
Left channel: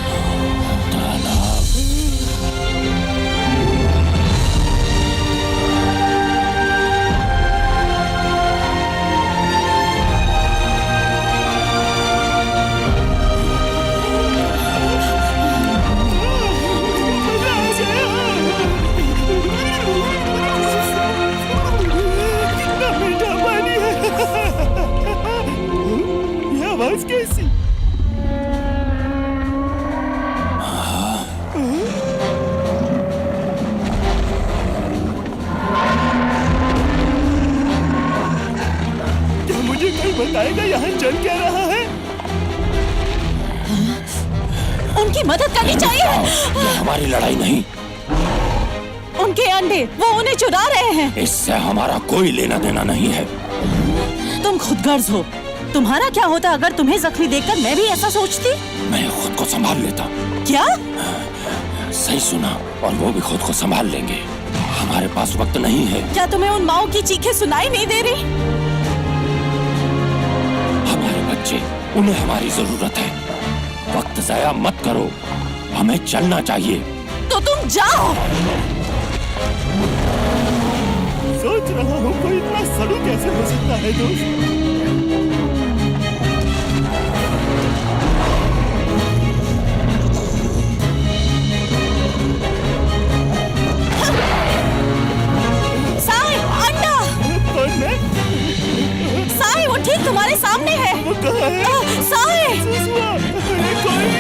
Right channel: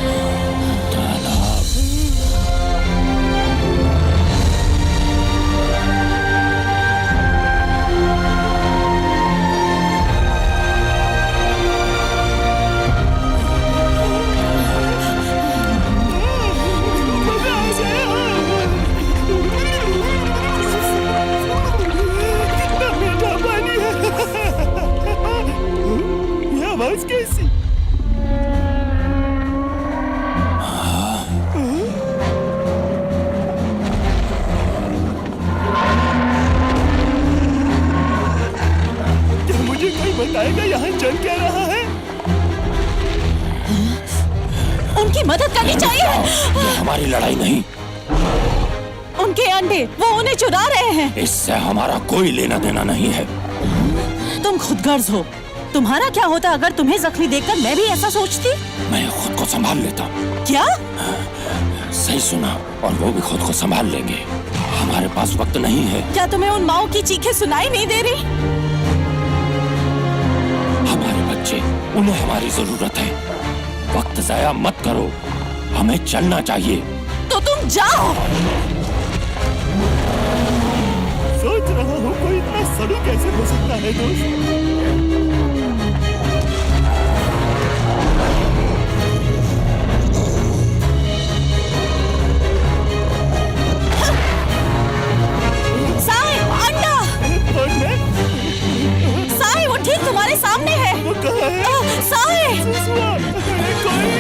तालाब। मजा आ गया। कितना मीठा पानी है। ये आवाज कैसी? क्या मुझे कोई बताएगा यहाँ चल क्या रहा है? उनकी मदद करनी चाहिए। ये हमारी लड़ाई नहीं। उनके अंडे वो उन्हें चुरा रहे हैं। इससे हमारा कोई लेना देना नहीं है। तुम खुदगर्ज हो। तुम्हारा क्या होता अगर तुम्हें जख्मी देखकर मैं भी ऐसा सोचती? मैं खुद को संभाल लेता। क्या? सही सुना, और वो भी खुद को संभाल लेंगे। हमारे पास वक्त नहीं है। क्या तुम्हें उन माओ की चीखें सुनाई नहीं दे रही? हमारे बच्चे, उन्हें हमारी जरूरत है। वक्त जाया मत करो, हमें चलना चाहिए। तो तुम जाओ। सोच रहा हूँ कोई इतना सड़ू कैसे हो सकता है दोस्त। साई, अंडा। कौन मैं? साई, वो ठीक तुम्हारे सामने है। वो कहाँ है? साई। सुसुआ, अरे कोई।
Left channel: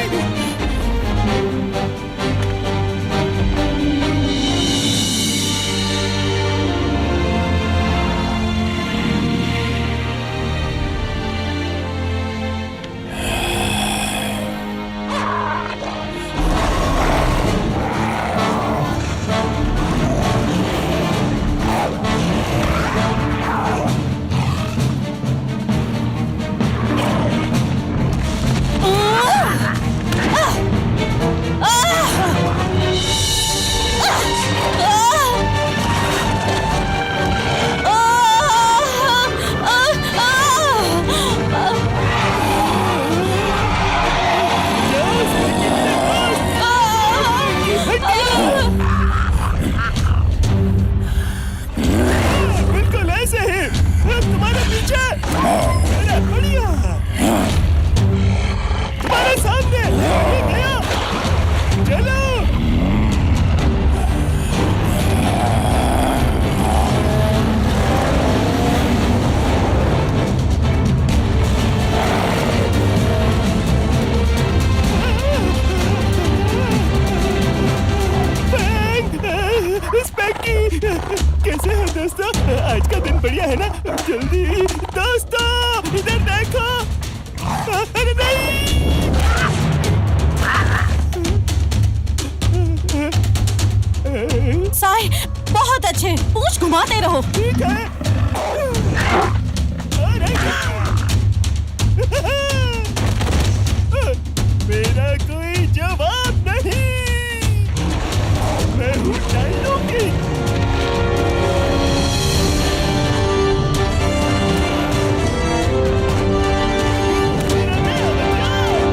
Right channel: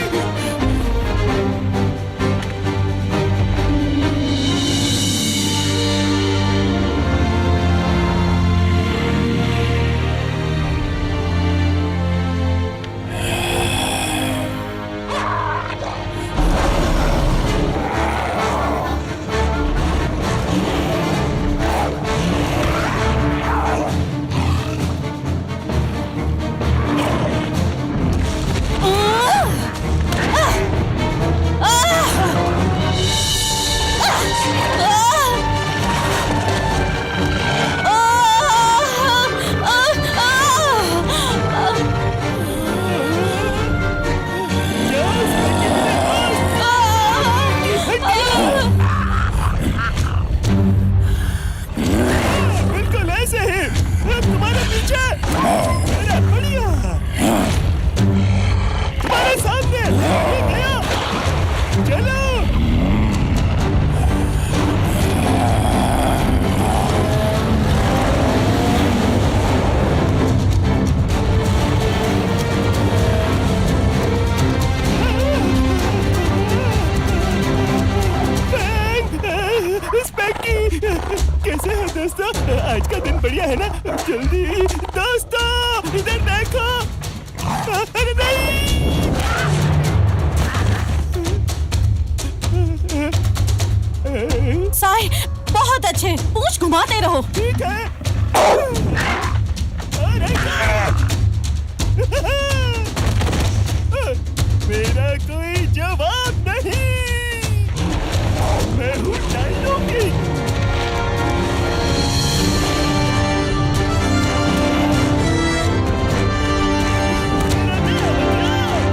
बिल्कुल ऐसे ही तुम्हारे पीछे। अरे बढ़िया, तुम्हारे सामने ये गया। चलो। स्पैकी, कैसे है दोस्तों? आज का दिन बढ़िया है ना? जल्दी दोस्तों इधर देखो। अरे नहीं। साई, बहुत अच्छे। पूंछ घुमाते रहो। ठीक है। अरे मेरा कोई जवाब नहीं। मैं हूँ डायनो किंग। मेरा नया हथियार।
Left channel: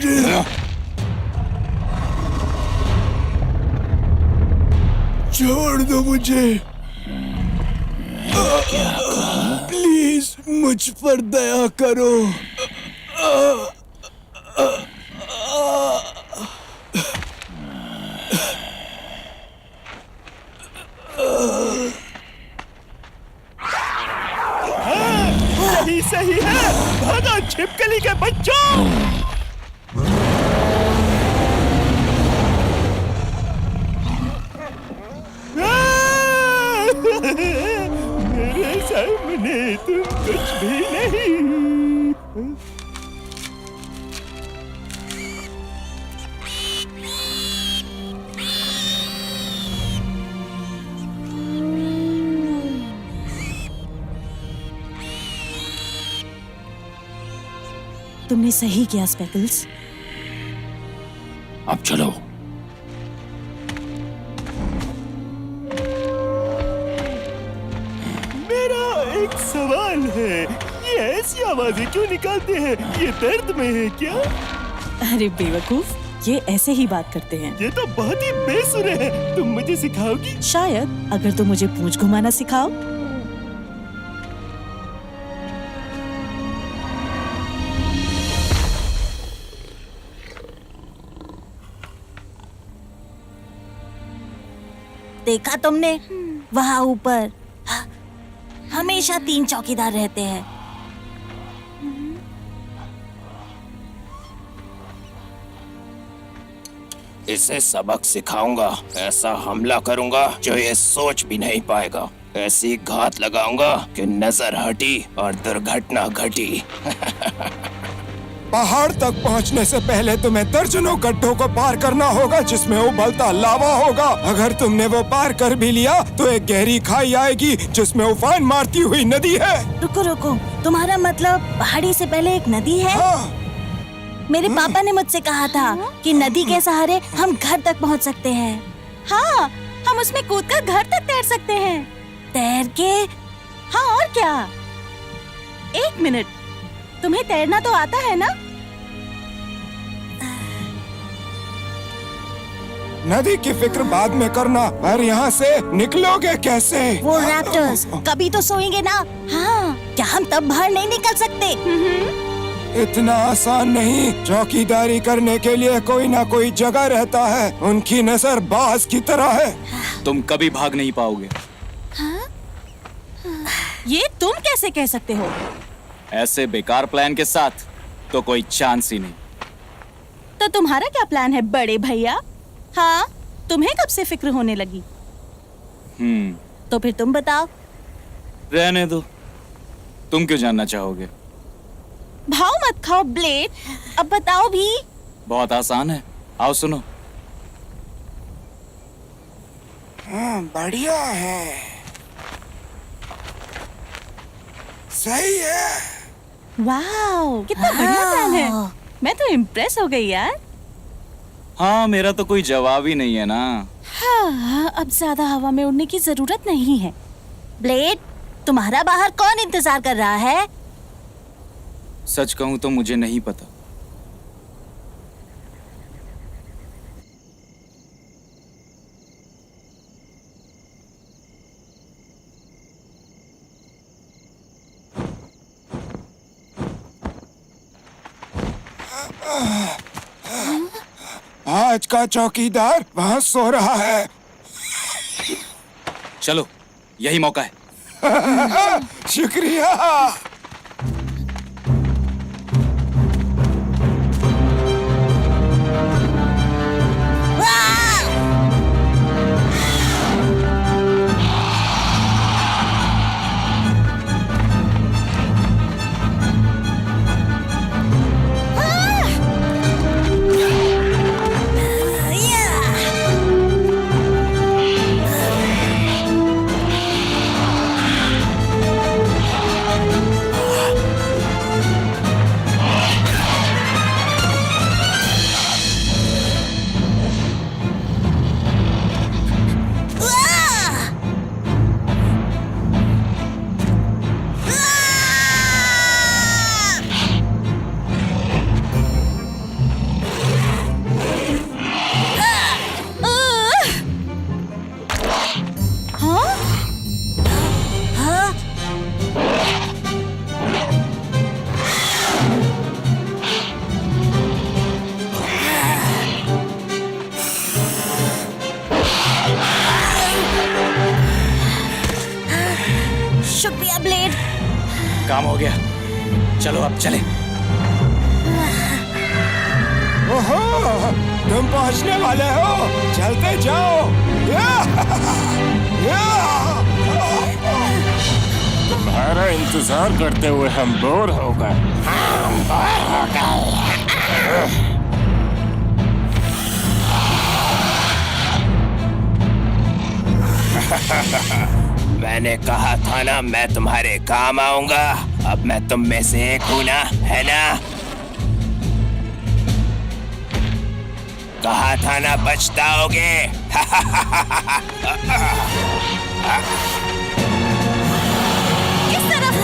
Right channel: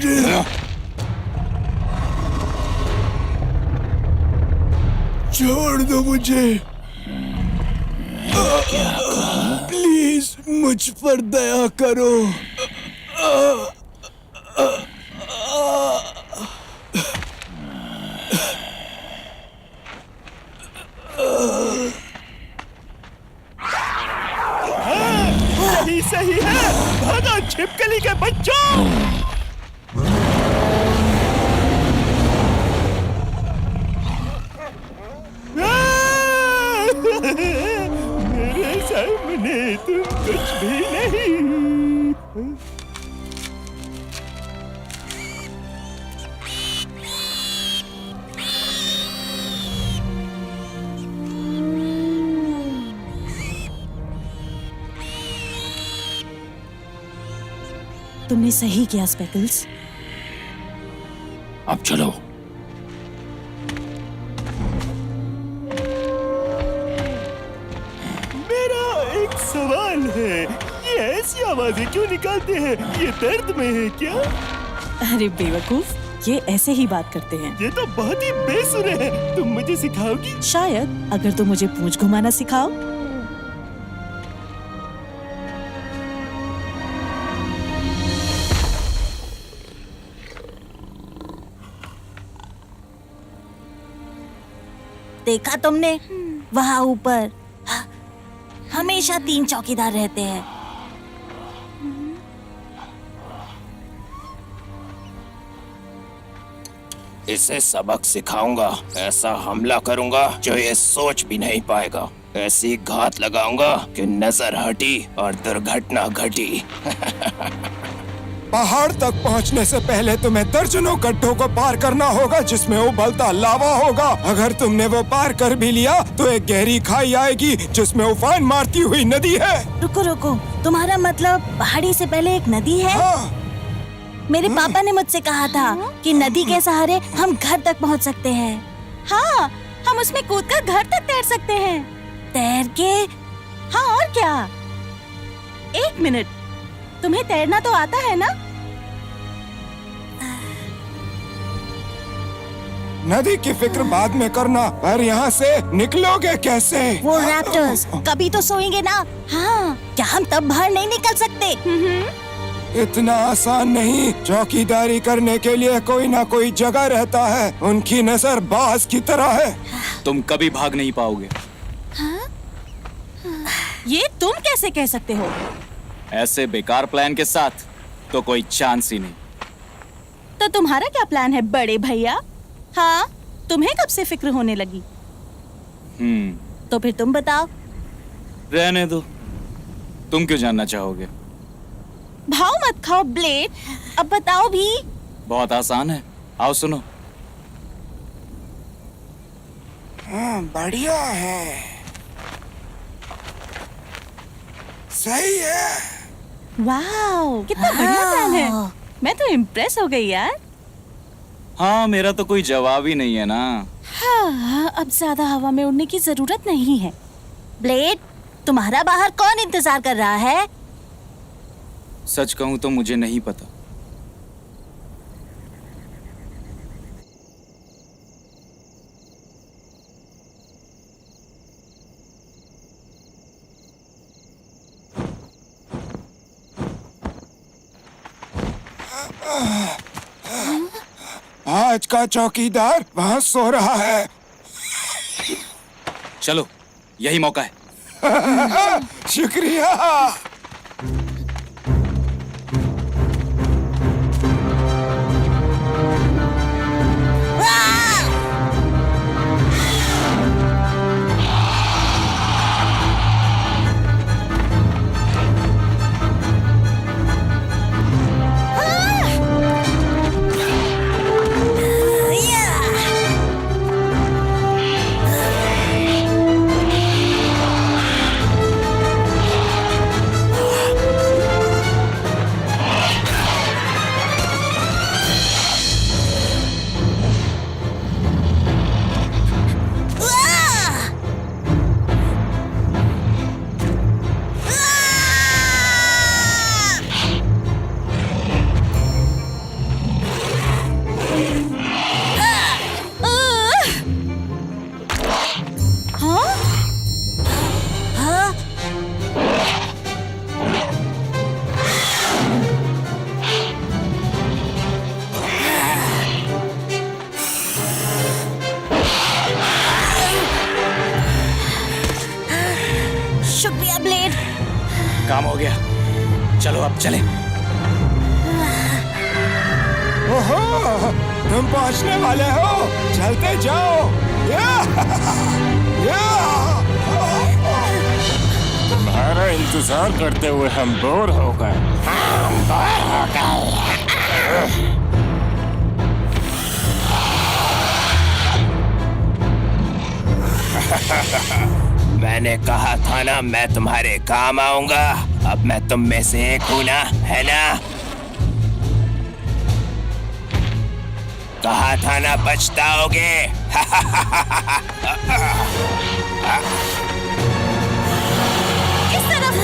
मुझे, छोड़ दो मुझे। प्लीज मुझ पर दया करो। सही सही है, भागा छिपकली के बच्चों। मेरे सामने तुम कुछ भी नहीं। तुमने सही किया स्पेकल्स। अब चलो। मेरा एक सवाल है, ये ऐसी आवाजें क्यों निकालते हैं? ये दर्द में है क्या? अरे बेवकूफ, ये ऐसे ही बात करते हैं। ये तो बहुत ही बेसुरे है। तुम मुझे सिखाओगी? शायद, अगर तुम मुझे पूंछ घुमाना सिखाओ। देखा तुमने, वहाँ ऊपर हमेशा 3 चौकीदार रहते हैं। इसे सबक सिखाऊंगा। ऐसा हमला करूंगा जो ये सोच भी नहीं पाएगा। ऐसी घात लगाऊंगा कि नजर हटी और दुर्घटना घटी। पहाड़ तक पहुंचने से पहले तुम्हें दर्जनों गड्ढों को पार करना होगा जिसमें उबलता लावा होगा। अगर तुमने वो पार कर भी लिया तो एक गहरी खाई आएगी जिसमें उफान मारती हुई नदी है। रुको रुको, तुम्हारा मतलब पहाड़ी से पहले एक नदी है? हाँ। मेरे पापा ने मुझसे कहा था कि नदी के सहारे हम घर तक पहुंच सकते हैं। हाँ, हम उसमें कूदकर घर तक तैर सकते हैं। तैर के? हाँ, और क्या? 1 मिनट, तुम्हें तैरना तो आता है ना? नदी की फिक्र बाद में करना, पर यहाँ से निकलोगे कैसे? वो रैप्टर्स कभी तो सोएंगे ना। हाँ, क्या हम तब बाहर नहीं निकल सकते? इतना आसान नहीं। चौकीदारी करने के लिए कोई ना कोई जगह रहता है। उनकी नजर बाज की तरह है। तुम कभी भाग नहीं पाओगे। ये तुम कैसे कह सकते हो? ऐसे बेकार प्लान के साथ तो कोई चांस ही नहीं। तो तुम्हारा क्या प्लान है बड़े भैया? हाँ, तुम्हें कब से फिक्र होने लगी? तो फिर तुम बताओ। रहने दो, तुम क्यों जानना चाहोगे? भाव मत खाओ ब्लेड, अब बताओ भी। बहुत आसान है, आओ सुनो। बढ़िया है, सही है। वाह, कितना बढ़िया प्लान है। मैं तो इम्प्रेस हो गई यार। हाँ, मेरा तो कोई जवाब ही नहीं है ना। हाँ, अब ज्यादा हवा में उड़ने की जरूरत नहीं है। ब्लेड, तुम्हारा बाहर कौन इंतजार कर रहा है? सच कहूं तो मुझे नहीं पता। आज का चौकीदार वहाँ सो रहा है। चलो, यही मौका है। शुक्रिया। शुक्रिया ब्लेड। काम हो गया, चलो अब चलें। ओहो, तुम पहुंचने वाले हो, चलते जाओ। तुम्हारा इंतजार करते हुए हम बोर हो गए। मैंने कहा था ना मैं तुम्हारे काम आऊंगा। अब मैं तुम में से एक हूं ना, है ना? कहा था ना पछताओगे। इस तरफ।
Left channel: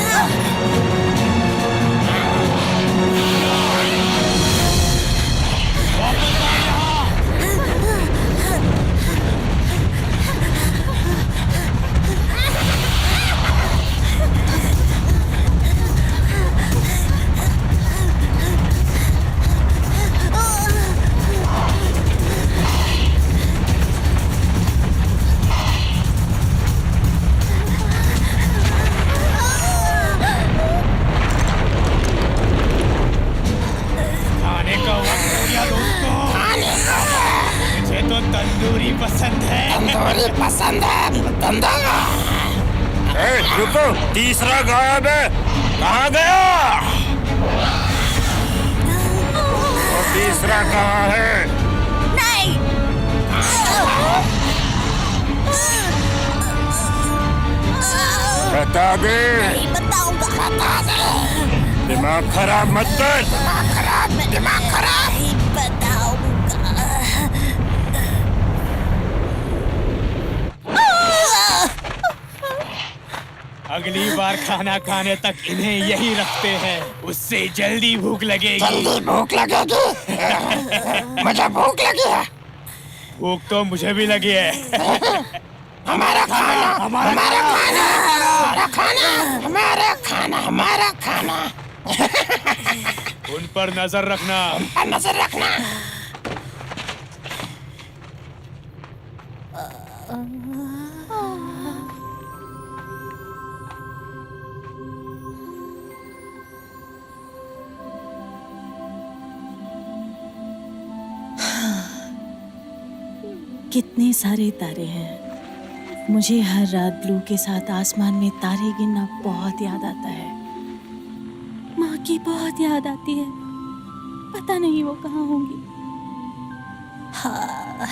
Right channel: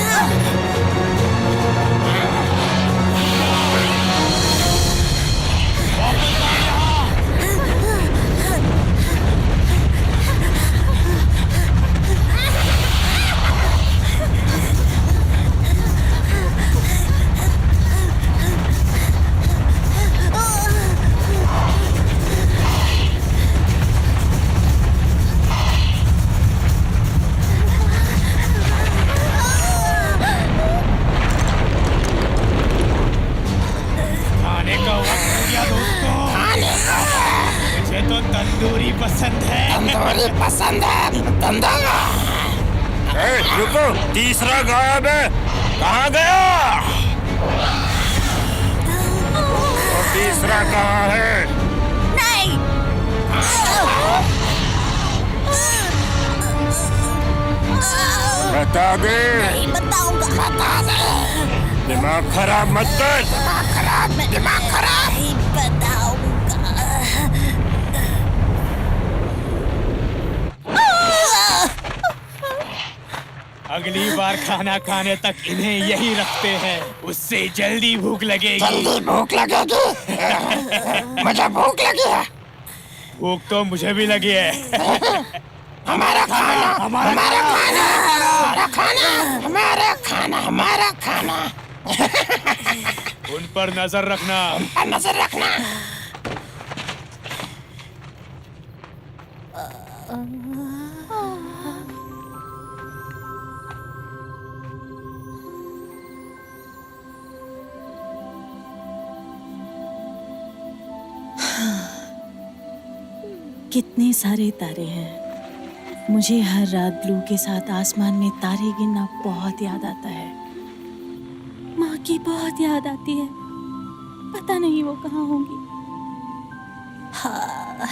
खाने का वक्त हो गया दोस्तों। मुझे तो तंदूरी पसंद है। तंदूरी पसंद है, तंदूरी। रुको, तीसरा गायब है। कहाँ गया? वो तीसरा कहाँ है? नहीं। बता दे। नहीं बताऊंगा। बता दे। दिमाग खराब मत कर। दिमाग खराब। नहीं बताऊंगा। अगली बार खाना खाने तक इन्हें यही रखते हैं, उससे जल्दी भूख लगेगी। भूख लगेगी। मुझे भूख लगी है। भूख तो मुझे भी लगी है। हमारा खाना, हमारा खाना, हमारा खाना, हमारा खाना, हमारा खाना। उन पर नजर रखना। नजर रखना। कितने सारे तारे हैं। मुझे हर रात ब्लू के साथ आसमान में तारे गिनना बहुत याद आता है। माँ की बहुत याद आती है। पता नहीं वो कहाँ होंगी। हाँ,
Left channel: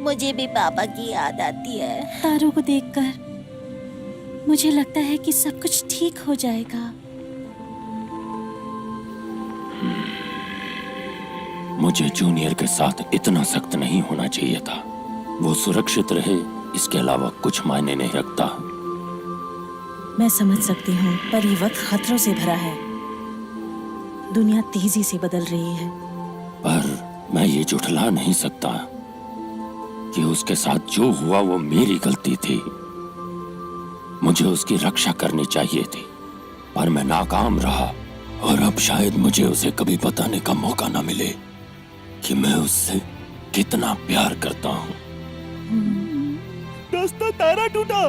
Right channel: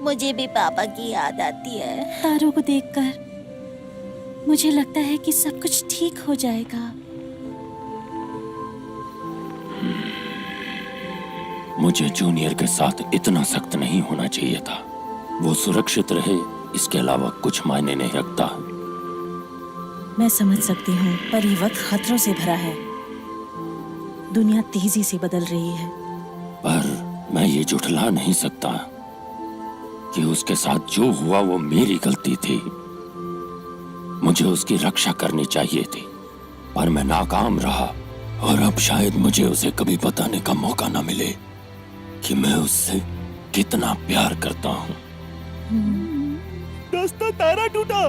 मुझे भी पापा की याद आती है। तारों को देखकर मुझे लगता है कि सब कुछ ठीक हो जाएगा। मुझे जूनियर के साथ इतना सख्त नहीं होना चाहिए था। वो सुरक्षित रहे, इसके अलावा कुछ मायने नहीं रखता। मैं समझ सकती हूँ, पर ये वक्त खतरों से भरा है। दुनिया तेजी से बदल रही है। पर मैं ये झुठला नहीं सकता कि उसके साथ जो हुआ वो मेरी गलती थी। मुझे उसकी रक्षा करनी चाहिए थी, पर मैं नाकाम रहा। और अब शायद मुझे उसे कभी बताने का मौका ना मिले कि मैं उससे कितना प्यार करता हूँ। दोस्तों, तारा टूटा।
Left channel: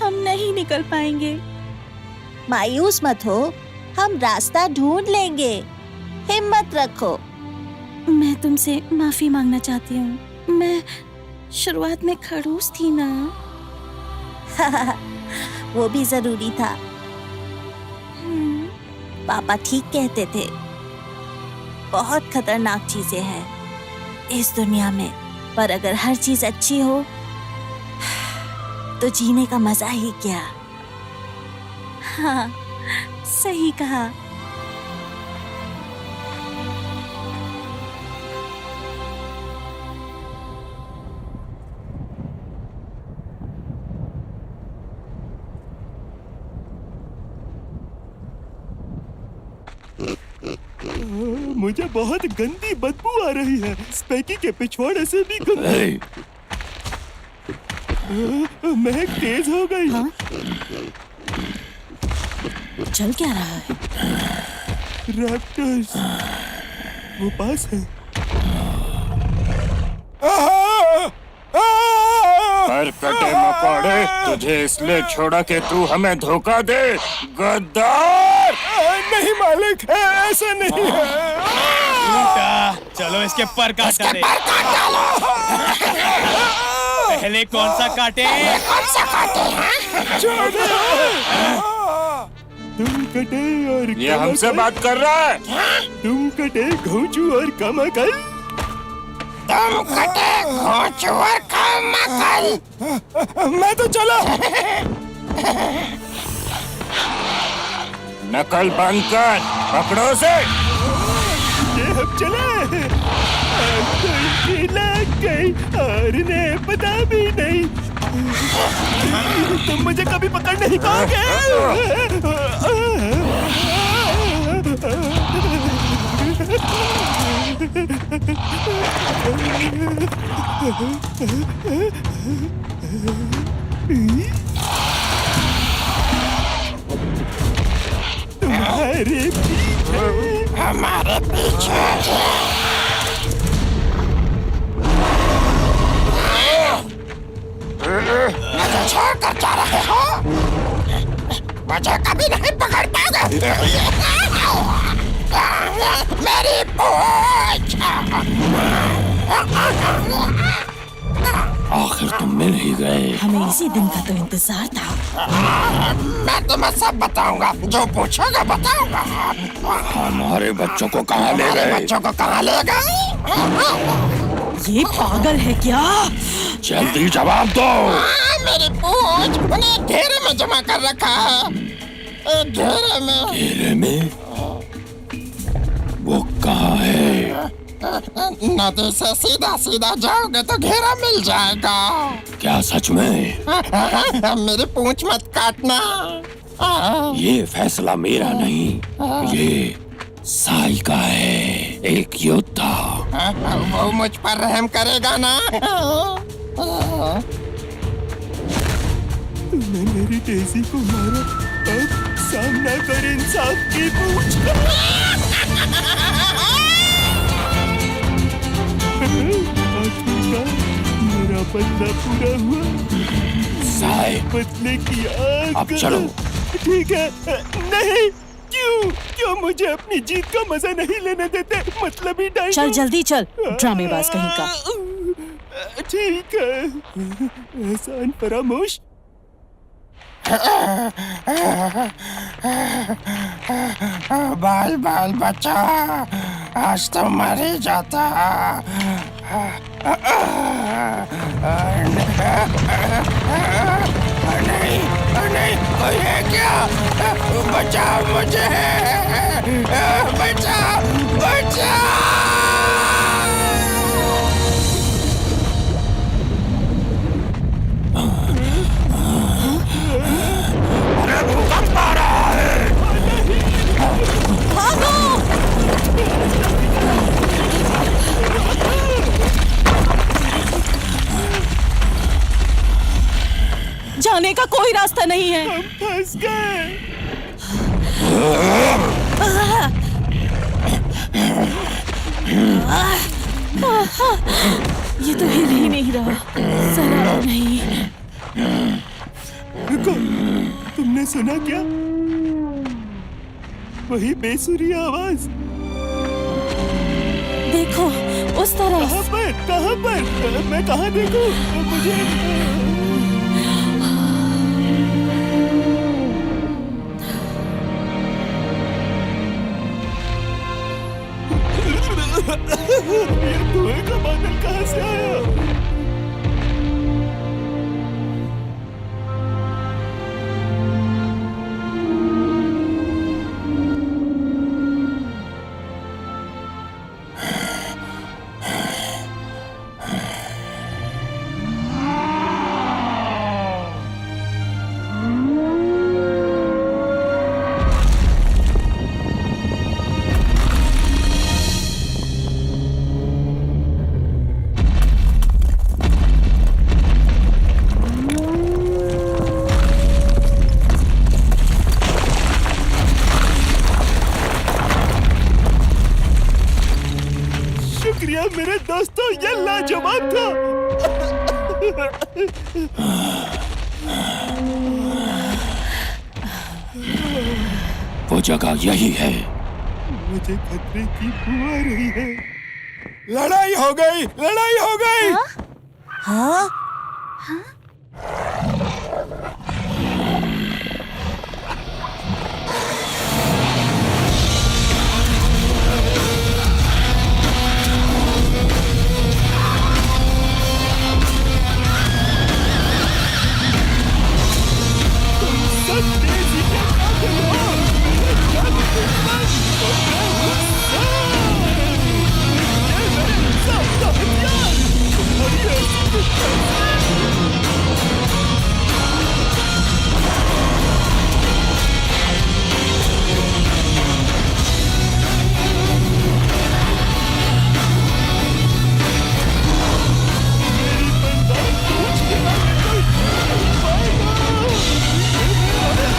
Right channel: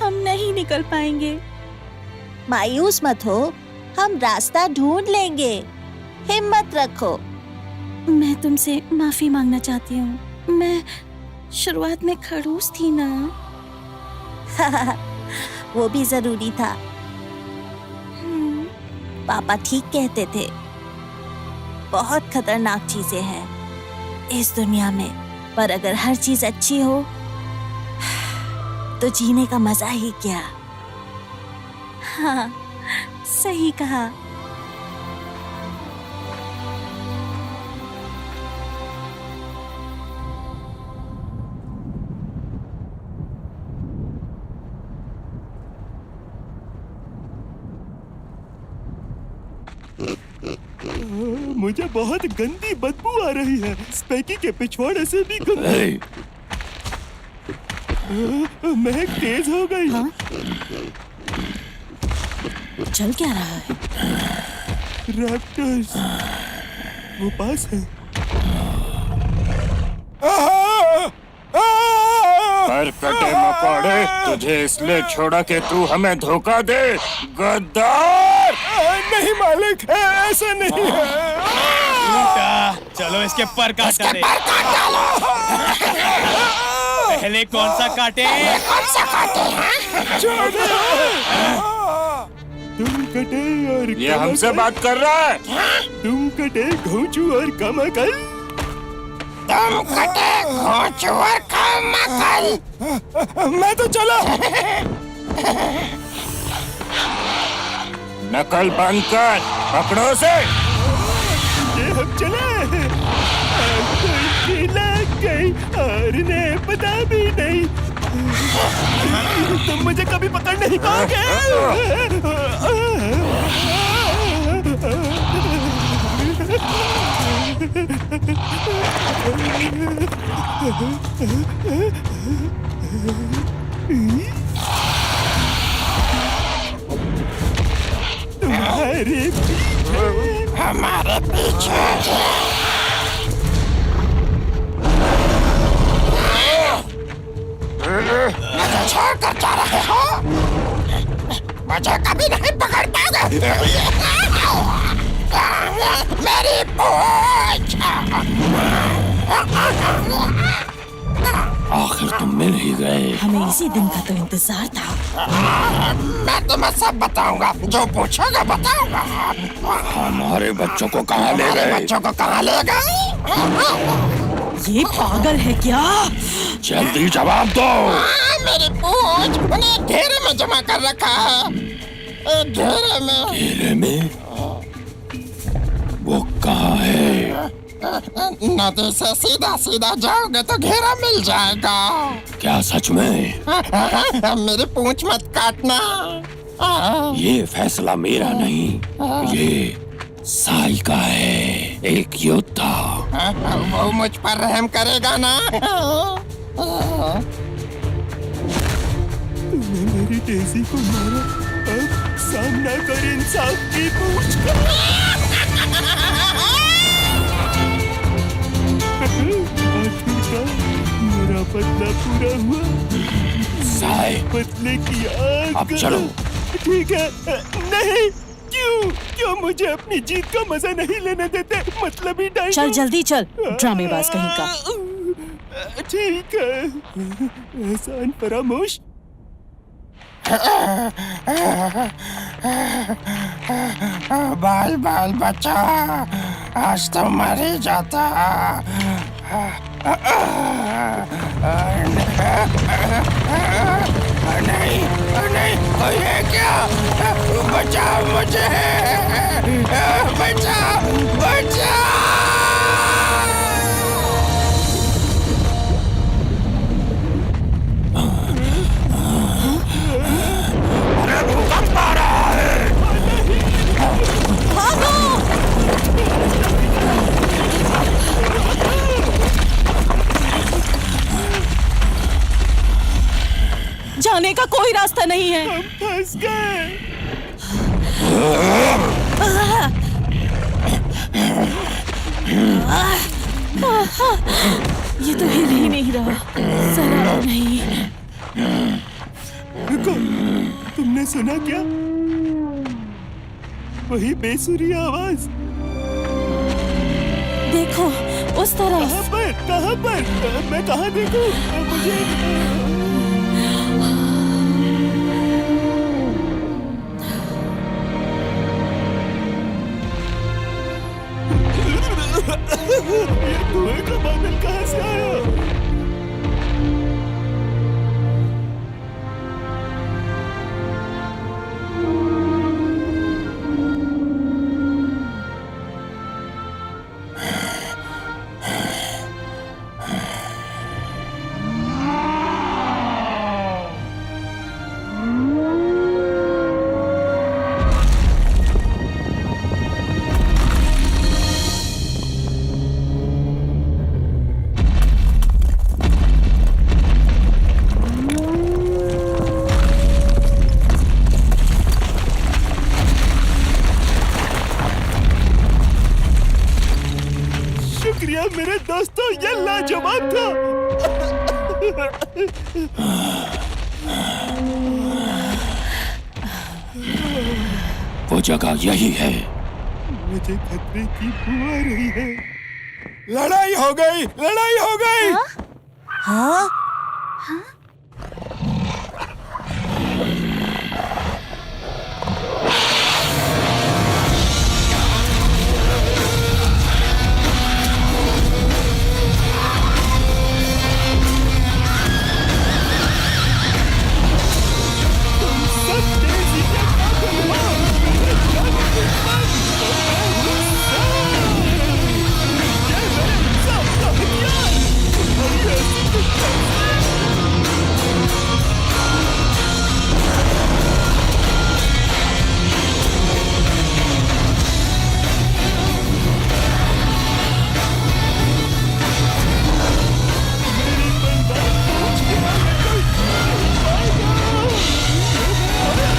हम नहीं निकल पाएंगे। मायूस मत हो, हम रास्ता ढूंढ लेंगे। हिम्मत रखो। मैं तुमसे माफी मांगना चाहती हूँ। मैं शुरुआत में खड़ूस थी ना। वो भी जरूरी था। पापा ठीक कहते थे, बहुत खतरनाक चीजें हैं इस दुनिया में, पर अगर हर चीज अच्छी हो तो जीने का मजा ही क्या। हाँ, सही कहा। मुझे बहुत गंदी बदबू आ रही है। स्पैकी के पिछवाड़े से भी गंदी। महक तेज हो गई। हाँ? चल क्या रहा है? रैप्टर्स वो पास है। कौड़े, तुझे इसलिए छोड़ा कि तू हमें धोखा दे, गद्दार। नहीं मालिक, ऐसा नहीं है। चलो इसके पर काट डाले। पहले कौन सा काटे? तुम कटे और ये हमसे बात कर रहा है। तुम कटे घोंचू और कमकल। तुम कटे घोंचू और कमकल। मैं तो चला। नकल बंद कर, पकड़ो से। ये हम चले। कोई लग गई और इन्हें पता भी नहीं। तुम मुझे कभी पकड़ नहीं पाओगे। तुम्हारे पीछे, हमारे पीछे। मुझे छोड़ कर जा रहे हो? मुझे कभी नहीं पकड़ पाओगे। मेरी पूंछ। आखिर तुम मिल ही गए। हमें इसी दिन का तो इंतजार था। मैं तुम्हें सब बताऊंगा, जो पूछोगे बताऊंगा। हमारे बच्चों को कहाँ ले हमारे गए? बच्चों को कहाँ ले गए? ये पागल है क्या? जल्दी जवाब दो। मेरी पूंछ उन्हें घेरे में जमा कर रखा है। घेरे में। घेरे में? वो कहाँ है? नदी से सीधा सीधा जाओगे तो घेरा मिल जाएगा। क्या सच में? मेरी पूंछ मत काटना। ये फैसला मेरा नहीं, ये साई का है, एक योद्धा। वो मुझ पर रहम करेगा ना? तुमने मेरी डेज़ी को मारा, अब सामना कर इंसाफ की पूछ का। आखिरकार मेरा बदला पूरा हुआ। साई, बदले की आग। अब चलो। ठीक है। नहीं, क्यों मुझे अपनी जीत का मजा नहीं लेने देते? मतलब ही डायनो। चल जल्दी चल, ड्रामेबाज कहीं का। ठीक है, एहसान फरामोश। बाल बाल बच्चा, आज तो मर ही जाता। नहीं नहीं, कोई है क्या? बचाओ मुझे, बचाओ बचाओ। जाने का कोई रास्ता नहीं है। हम फंस गए। ये तो हिल ही नहीं रहा, जरा नहीं। रुको, तुमने सुना क्या? वही बेसुरी आवाज। देखो उस तरफ। कहाँ पर? कहाँ पर? मैं कहाँ देखूं? मुझे ये धुएं का बादल कहाँ से आया? शुक्रिया मेरे दोस्तों, ये लाजवाब था। वो जगह यही है। मुझे खतरे की बू आ रही है। लड़ाई हो गई, लड़ाई हो गई। हाँ? तुम सब तेजी के कातिल हो। मेरे जाने दुश्मन और मैं हूँ सर। ये मेरे इंसाफ का हथियार। तुम्हारी ऐसी दुश्मनी। मेरी बलदार पूछ के आगे कोई नहीं पाएगा। ये मैं आया।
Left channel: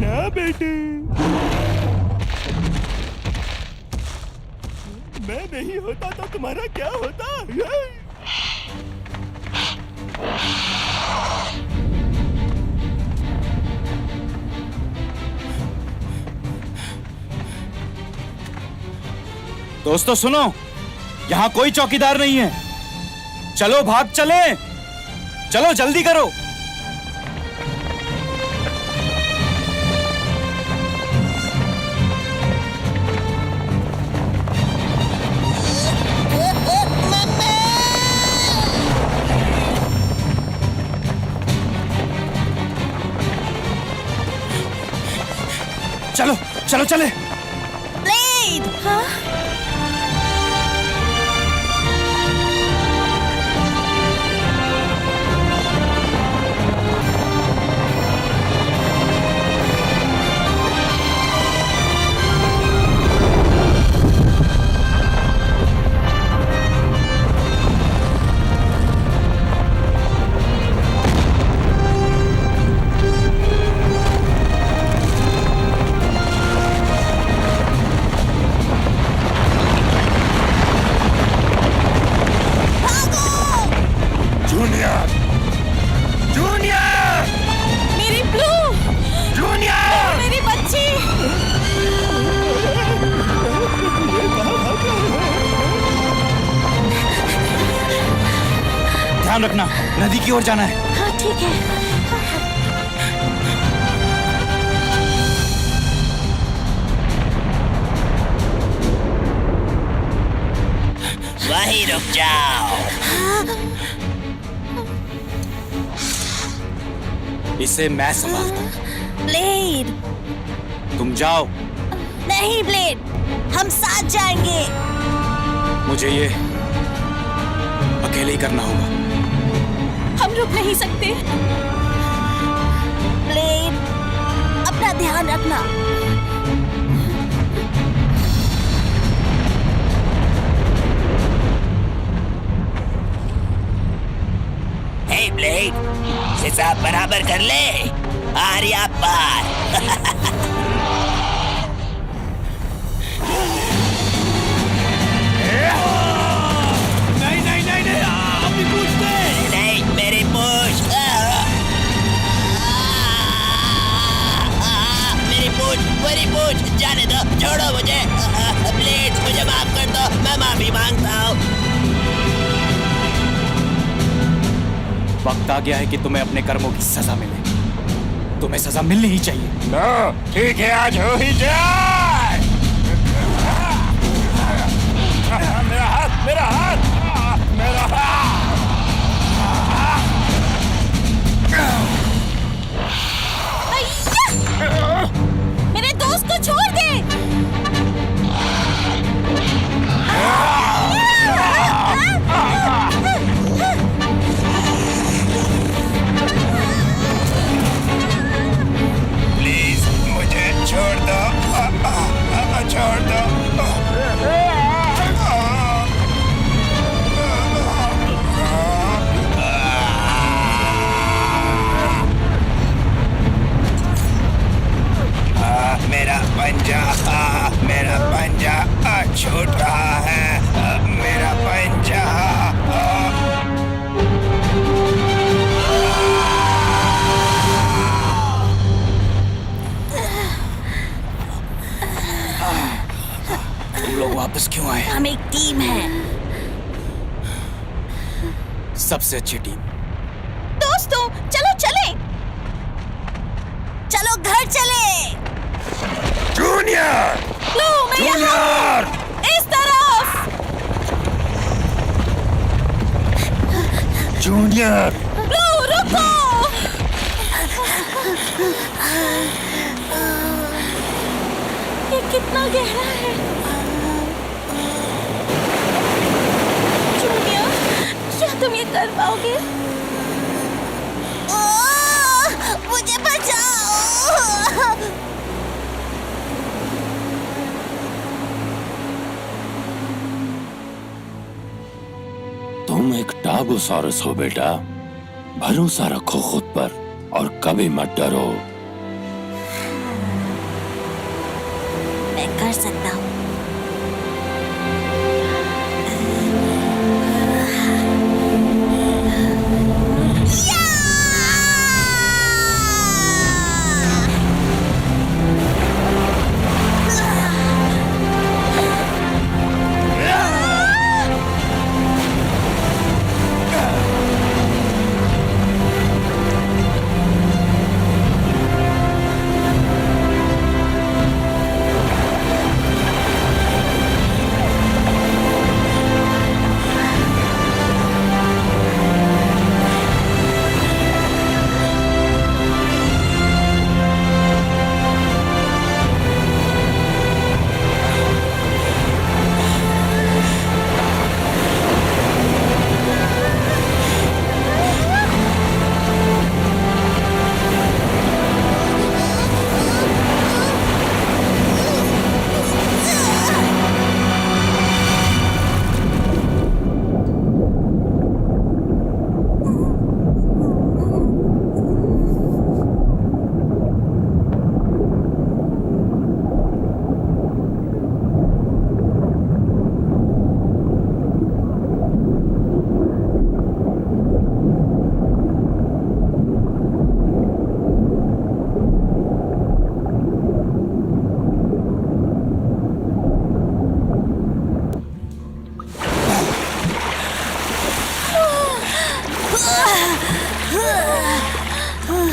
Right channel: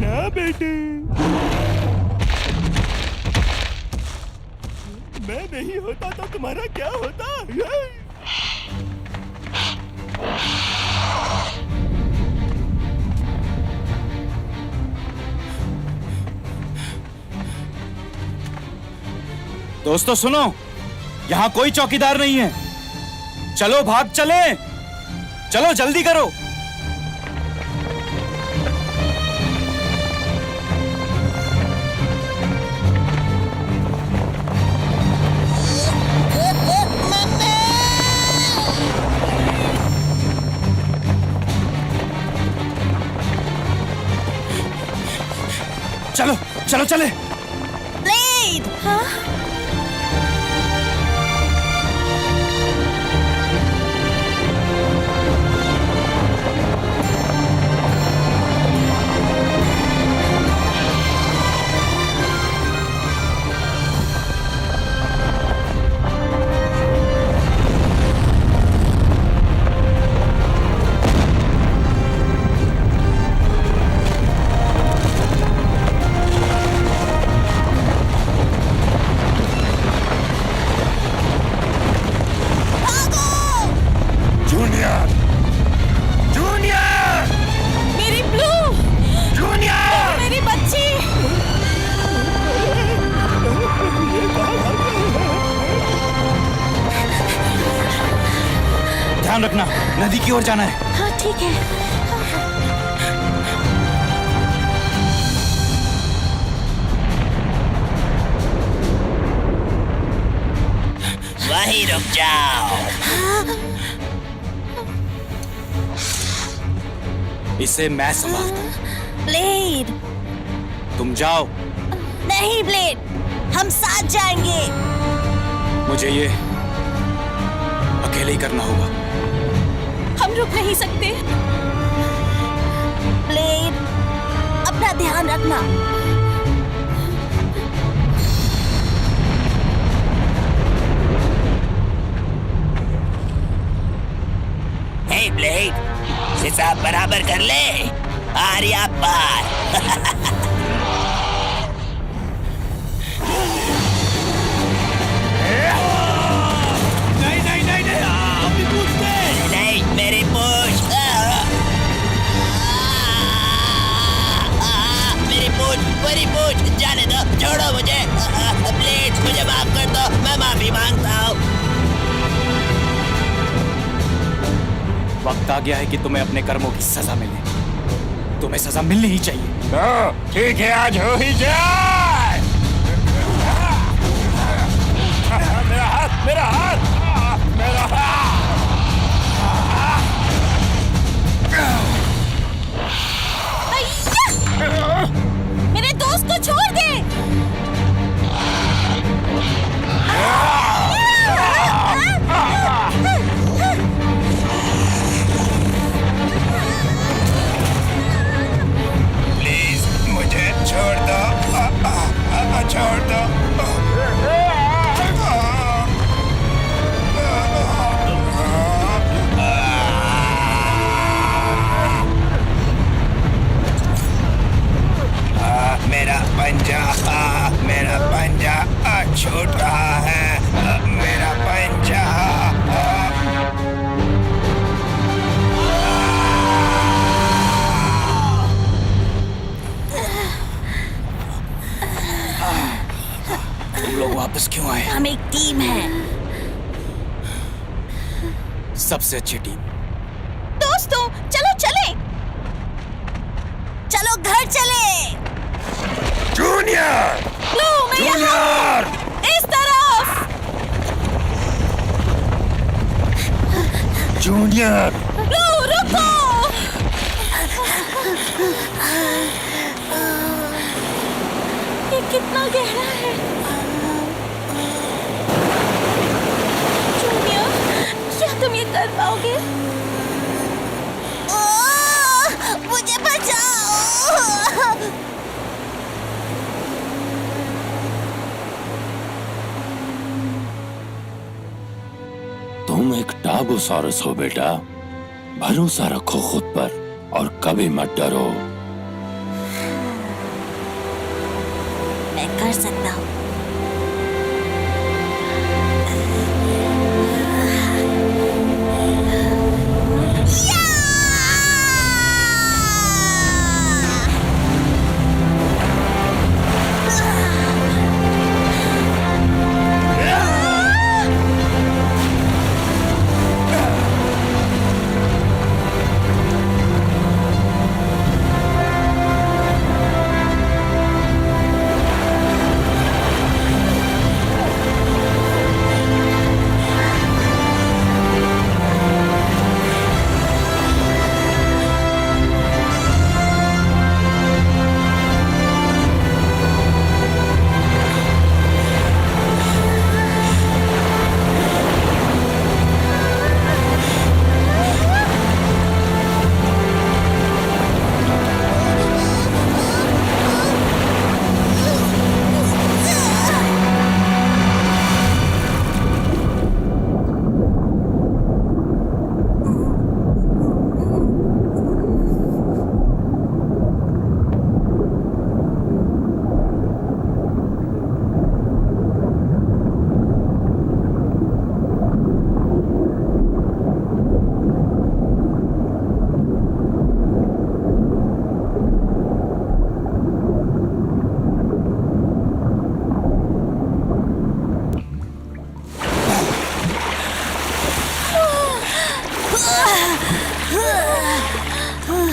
ना बेटे, मैं नहीं होता तो तुम्हारा क्या होता? दोस्तों सुनो, यहाँ कोई चौकीदार नहीं है। चलो भाग चले, चलो जल्दी करो। चलो चलो चले। ब्लेड! हाँ? जूनियर, जूनियर, मेरी ब्लू! जूनियर। मेरी बच्ची! ये कहाँ भाग रहे हैं? ध्यान रखना, नदी की ओर जाना है। हाँ ठीक है। वहीं रुक जाओ। इसे मैं संभालता हूँ। ब्लेड! तुम जाओ। नहीं ब्लेड, हम साथ जाएंगे। मुझे ये अकेले ही करना होगा। हम रुक नहीं सकते। ब्लेड, अपना ध्यान रखना। हे ब्लेड, हिसाब बराबर कर ले। आर्या पार। नहीं नहीं नहीं नहीं, अपनी पूछ दे। नहीं, मेरी पूछ। मेरी पूछ जाने दो, छोड़ो मुझे। ब्लेड, मुझे माफ कर दो, मैं माफी मांगता हूँ। वक्त आ गया है कि तुम्हें अपने कर्मों की सजा मिले। तुम्हें सजा मिलनी ही चाहिए। तो ठीक है, आज हो ही जाए। मेरा हाथ, मेरा हाथ, मेरा हाथ। अय्या! मेरे दोस्त को छोड़ दे। प्लीज मुझे छोड़ दो, छोड़ दो। टीम है। सबसे अच्छी टीम। दोस्तों चलो चले, चलो घर चले। जूनियर! लो मैं यहाँ हूँ। इस तरफ। जूनियर! लो रुको। ये कितना गहरा है। जूनियर, क्या तुम ये कर पाओगे? मुझे बचाओ। तुम एक टाबोसॉरस हो बेटा, भरोसा रखो खुद पर और कभी मत डरो। मैं कर सकता हूँ।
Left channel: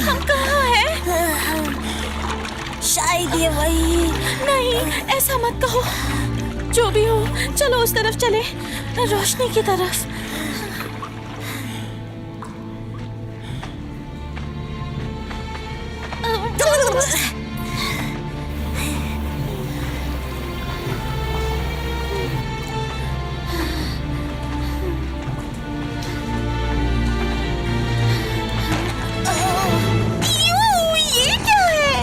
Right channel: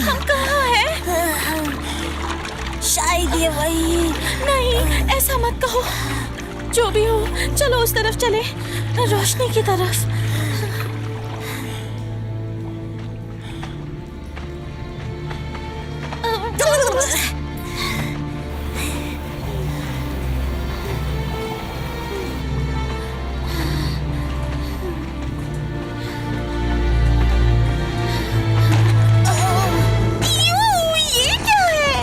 हम कहाँ हैं? शायद ये वही। नहीं, ऐसा मत कहो। जो भी हो, चलो उस तरफ चले, रोशनी की तरफ। ये क्या है?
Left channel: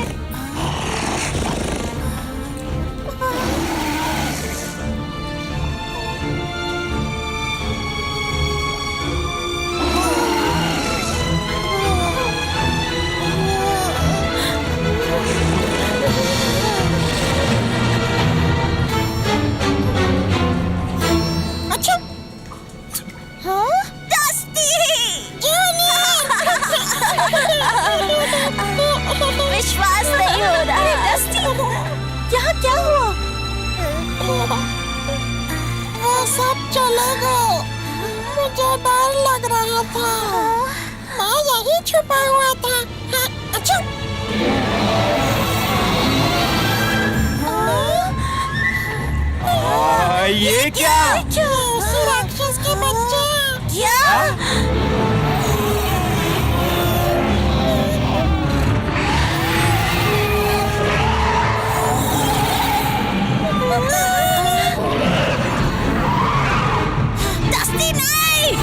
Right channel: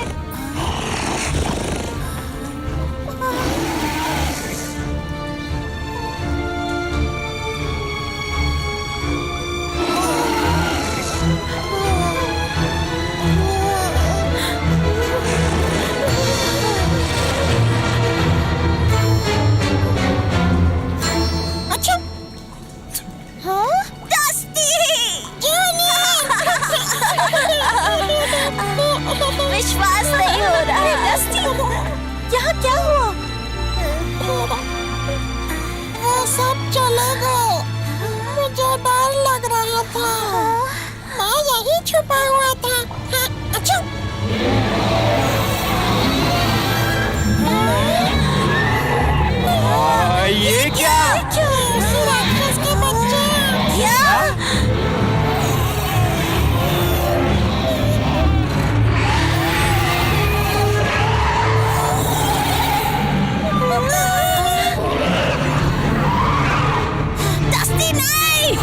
अच्छा, हाँ? डस्टी! विश्वास नहीं हो रहा। डस्टी, यहाँ क्या हुआ? वो सब चले गए। मुझे डर लग रहा था। मैं यही छुपा हुआ था। हाँ, अच्छा। ये क्या? उसी राक्षस के बच्चे। डस्टी नहीं!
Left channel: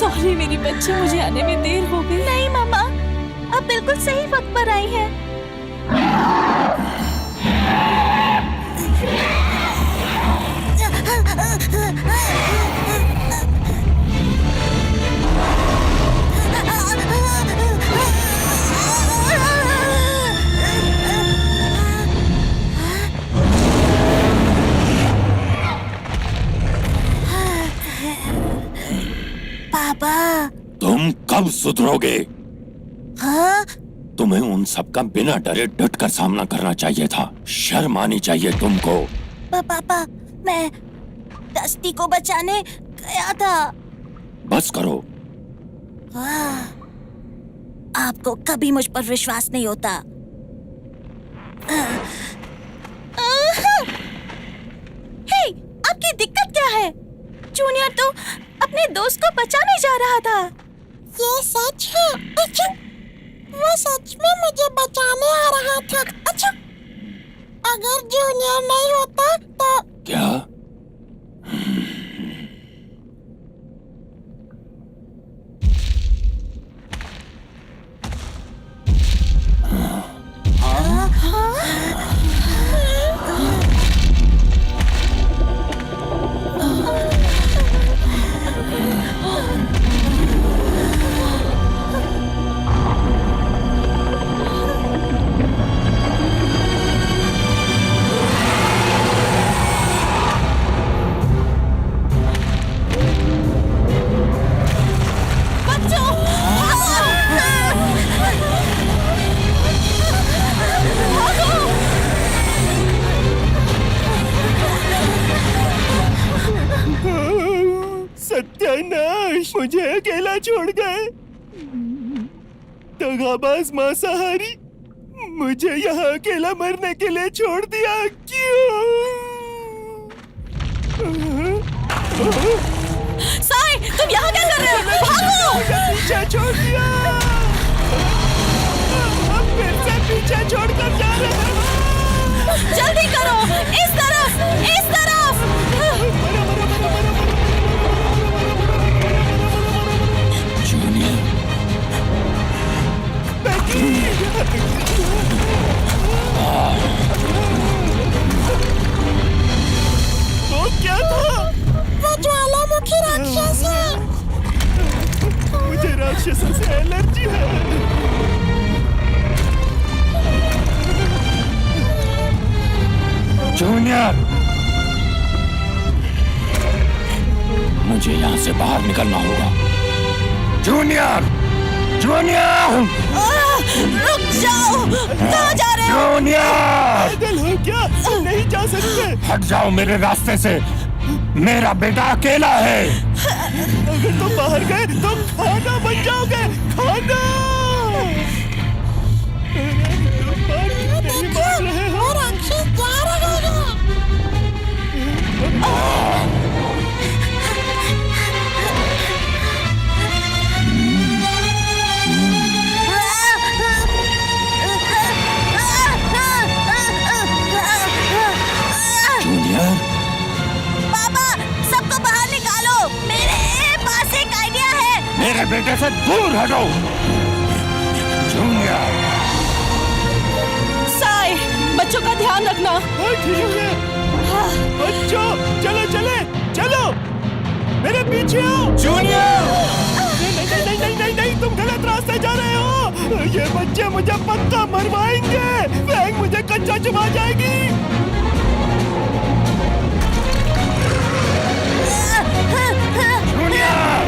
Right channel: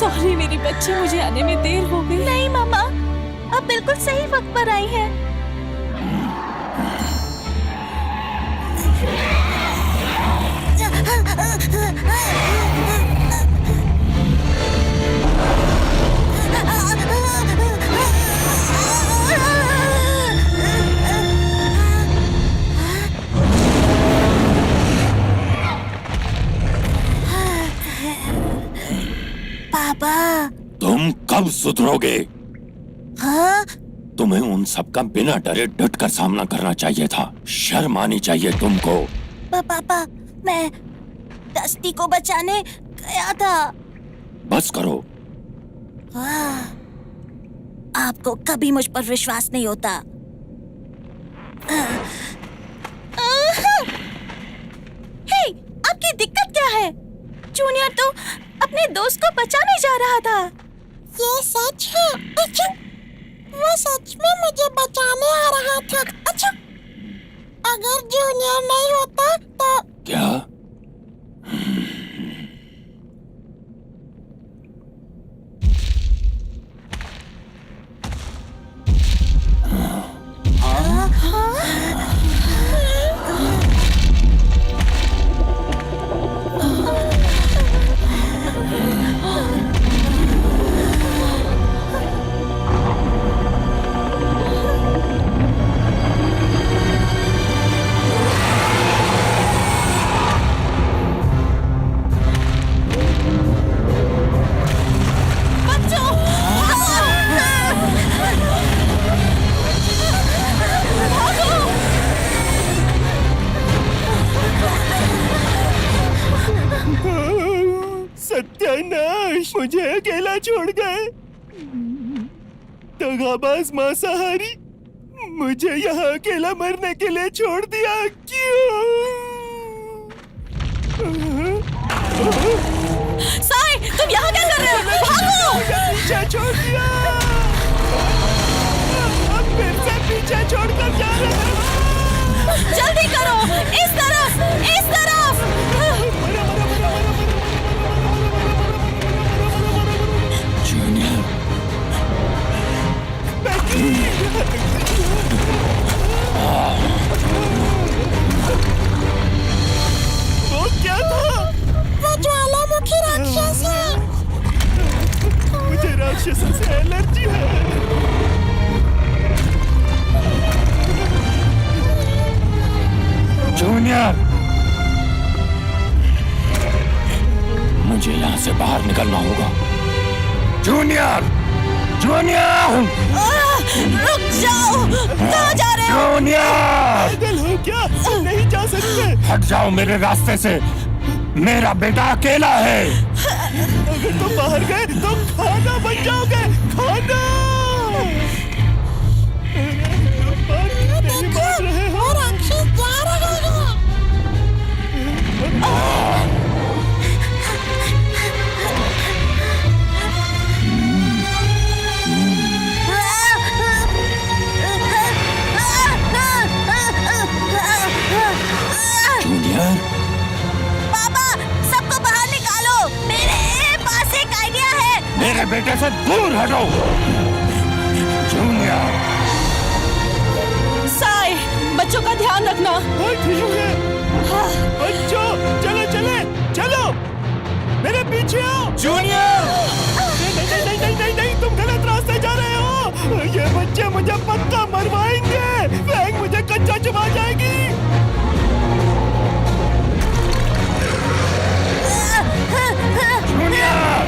सॉरी मेरी बच्ची, मुझे आने में देर हो गई। नहीं मामा, आप बिल्कुल सही वक्त पर आई हैं। पापा। तुम कब सुधरोगे? हाँ? तुम्हें उन सब का बिना डरे डट कर सामना करना चाहिए था। शर्म आनी चाहिए तुमको। पापा, मैं डस्टी को बचाने गया था। बस करो। आपको कभी मुझ पर विश्वास नहीं होता। हे, आपकी दिक्कत क्या है? जूनियर तो अपने दोस्त को बचाने जा रहा था। ये सच है? अच्छा, वो सच में मुझे बचाने आ रहा था। अच्छा, अगर जूनियर नहीं होता तो क्या? सत्यानाश, मुझे अकेला छोड़ गए। दगाबाज मांसाहारी, मुझे यहाँ अकेला मरने के लिए छोड़ दिया। क्यों? साई, तुम यहाँ क्या कर रहे हो? भागो! मुझे पीछे छोड़ दिया। अब फिर से पीछे छोड़कर जा रहे हो। जल्दी करो! इस तरफ! इस तरफ! जूनियर, वो क्या था? वो ज्वालामुखी राक्षस है। मुझे राक्षसों से एलर्जी है। जूनियर, मुझे यहाँ से बाहर निकलना होगा। जूनियर, जूनियर, रुक जाओ! कहाँ जा रहे हो? जूनियर, पागल हो क्या? नहीं जा सकते। हट जाओ मेरे रास्ते से। मेरा बेटा अकेला है। अगर तुम बाहर गए तो खाना बन जाओगे। खाना! तुम बात नहीं मान रहे हो। वो राक्षस जा रहा है। जूनियर, पापा, सबको बाहर निकालो! मेरे पास एक आइडिया है। मेरे बेटे से दूर हटो। जूनियर, साई, बच्चों का ध्यान रखना। हाँ ठीक है। बच्चों, चलो चले, चलो मेरे पीछे आओ। जूनियर, नहीं नहीं नहीं नहीं नहीं नहीं, तुम गलत रास्ते जा रहे हो। ये बच्चे मुझे पक्का मरवाएंगे। फैंग मुझे कच्चा चबा जाएगी। जूनियर,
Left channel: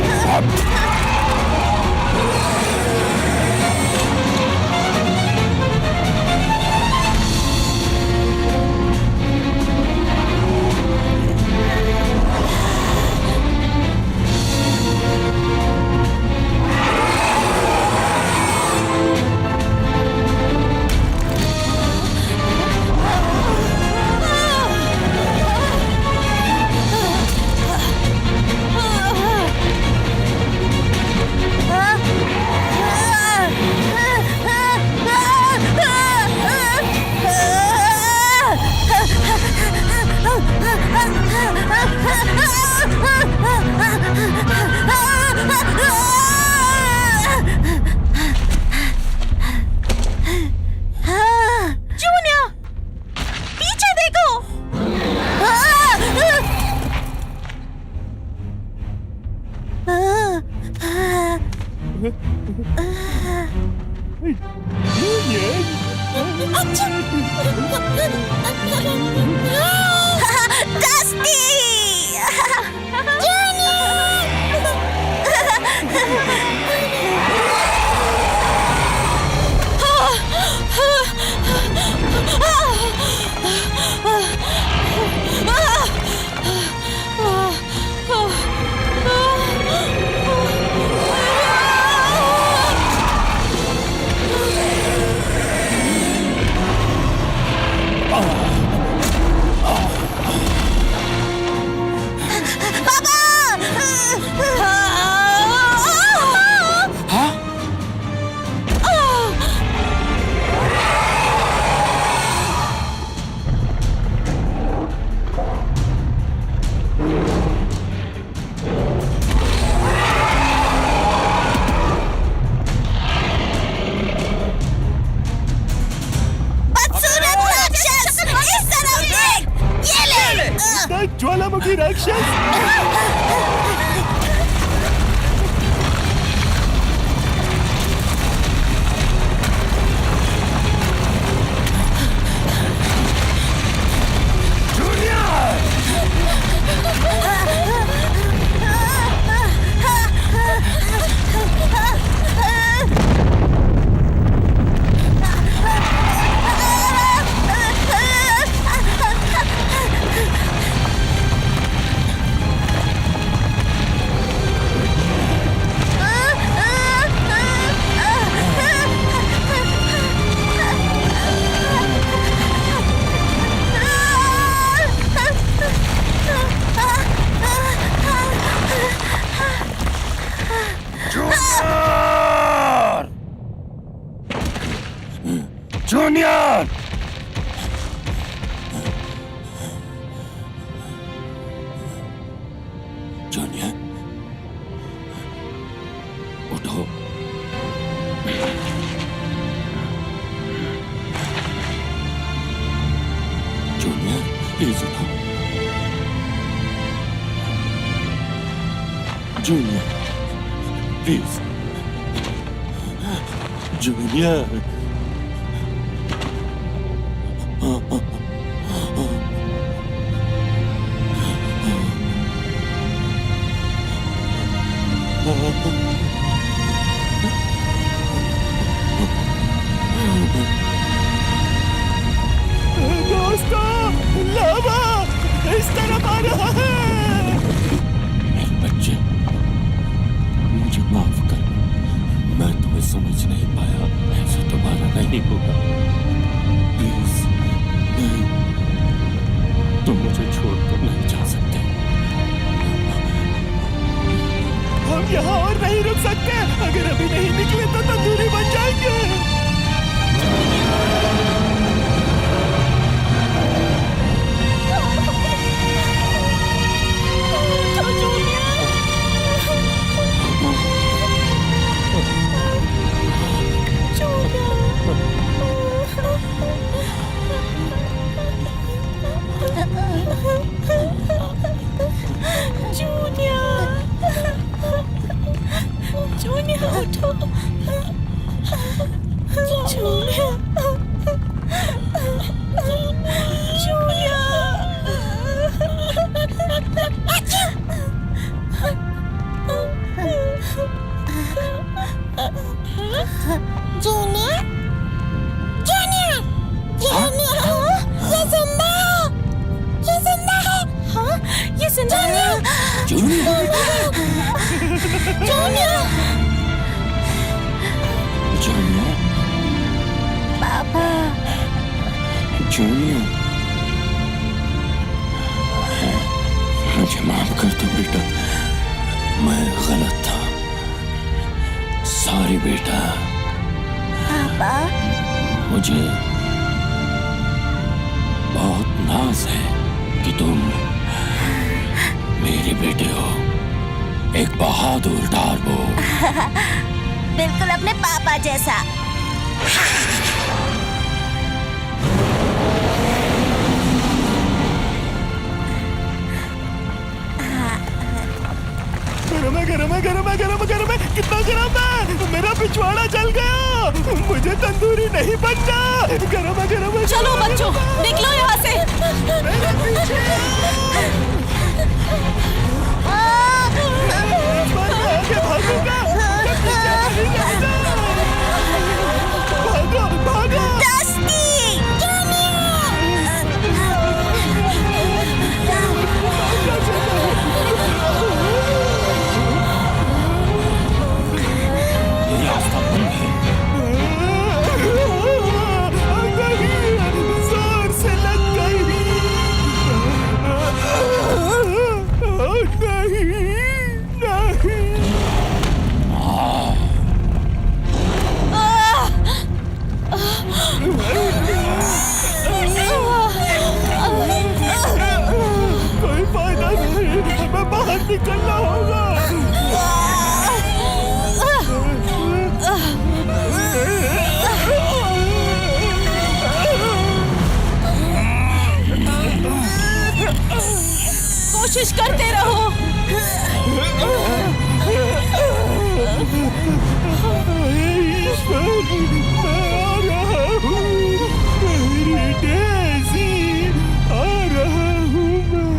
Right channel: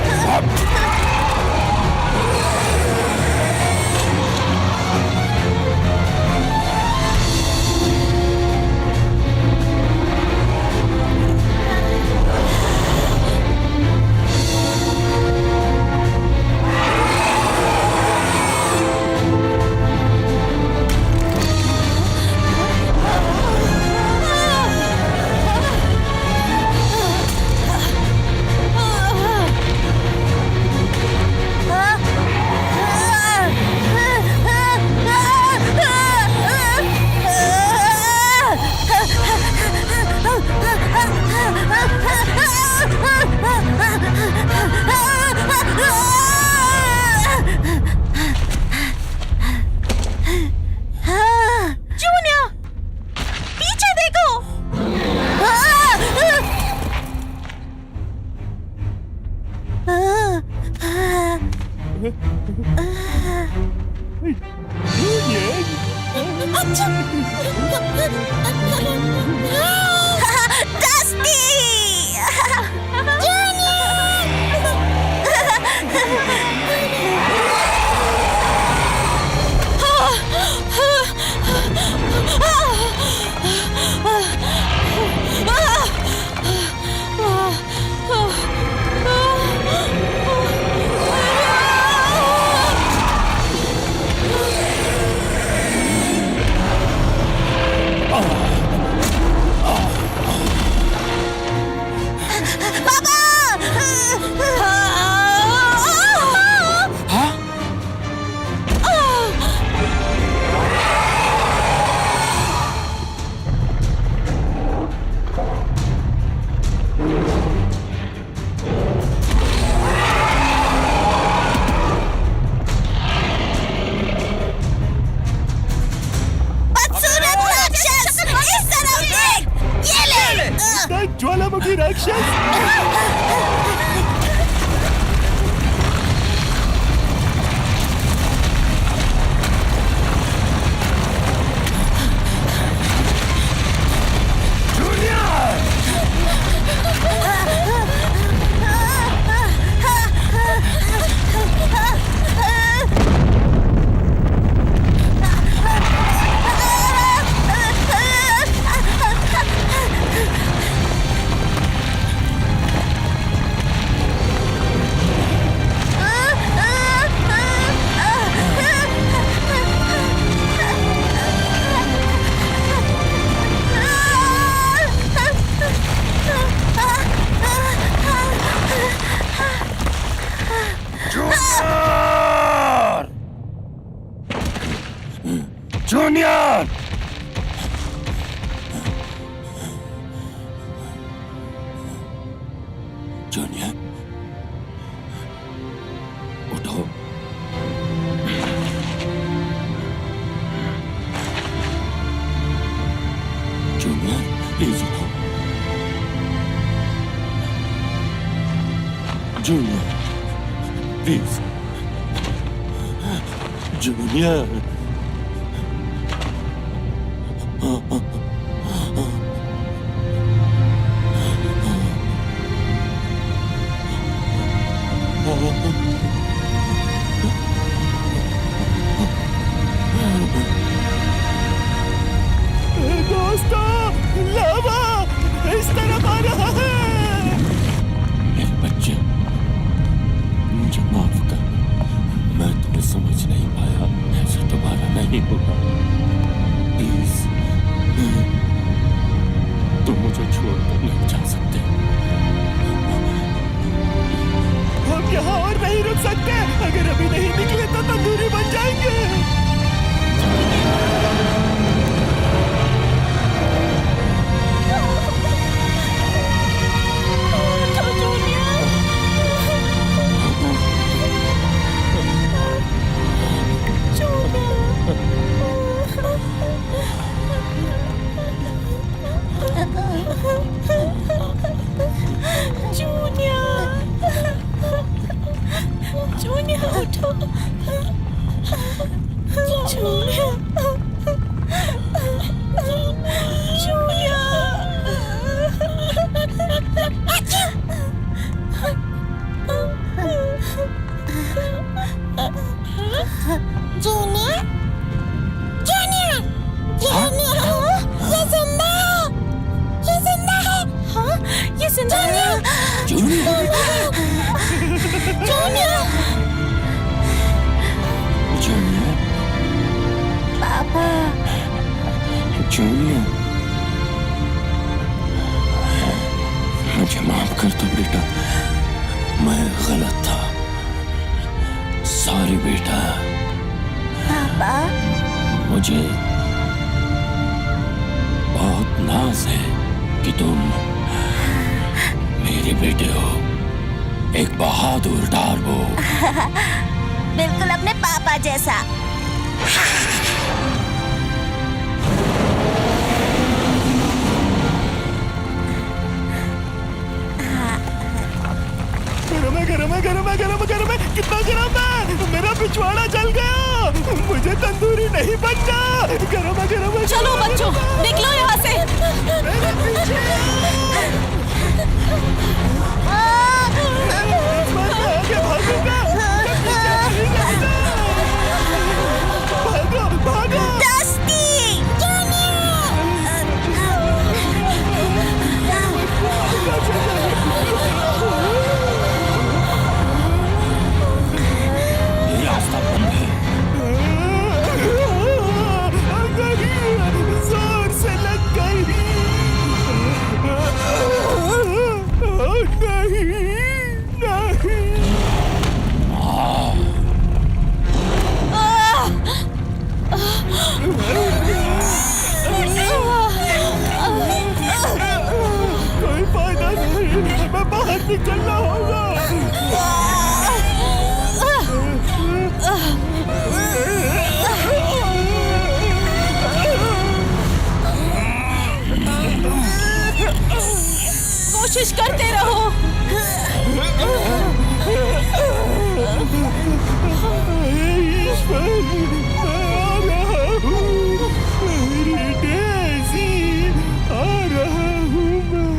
जूनियर, पीछे देखो! डस्टी! बदसूरत राक्षस, इस तरफ देख, ये ले। ज्वालामुखी राक्षस। जूनियर! जूनियर, उठो। जूनियर, प्लीज उठो। Junior, please. जूनियर, दोस्तों, लावा इस तरफ आ रहा है। मेरे बच्चे, मुझे माफ कर। मैं तुम्हें समझ नहीं पाया। ऐसा दोबारा नहीं होगा। प्लीज, नहीं, तुम मुझे छोड़कर नहीं जा सकते। हम यहाँ और नहीं रुक सकते। अगर अभी नहीं निकले तो तंदूरी बन जाएंगे। तो जूनियर, जूनियर उठो। जूनियर, जूनियर, जूनियर, जूनियर, ये जिंदा है, ये जिंदा है। हाँ, ये जिंदा है। जूनियर, जूनियर, जूनियर, पापा। जूनियर, मुझे माफ कर दो बेटा। मैं गलत था। सॉरी बेटा। पापा, मुझे बहुत नाज है कि तुम मेरे बेटे हो। एक बहादुर डार्बो। बिल्कुल अपने पापा जैसा। गरम है, गरम है, गरम है, गरम है, गरम है। कितना गरम है। मेरा पिछवाड़ा जल गया। मुझे तंदूरी नहीं बनना। गरम है, गरम है। चलो बच्चों, निकलो यहाँ से। मेरे पीछे। इस बार मैं आगे भागूंगा। रास्ता बंद है। नहीं, जोर से लग गई। नहीं, नहीं। कोई फायदा नहीं, हमें बाहर निकलना होगा। कोशिश करते रहो। ईश्वर, मैं आ रहा हूँ। मेरी डेज़ी, आ रहा हूँ मैं।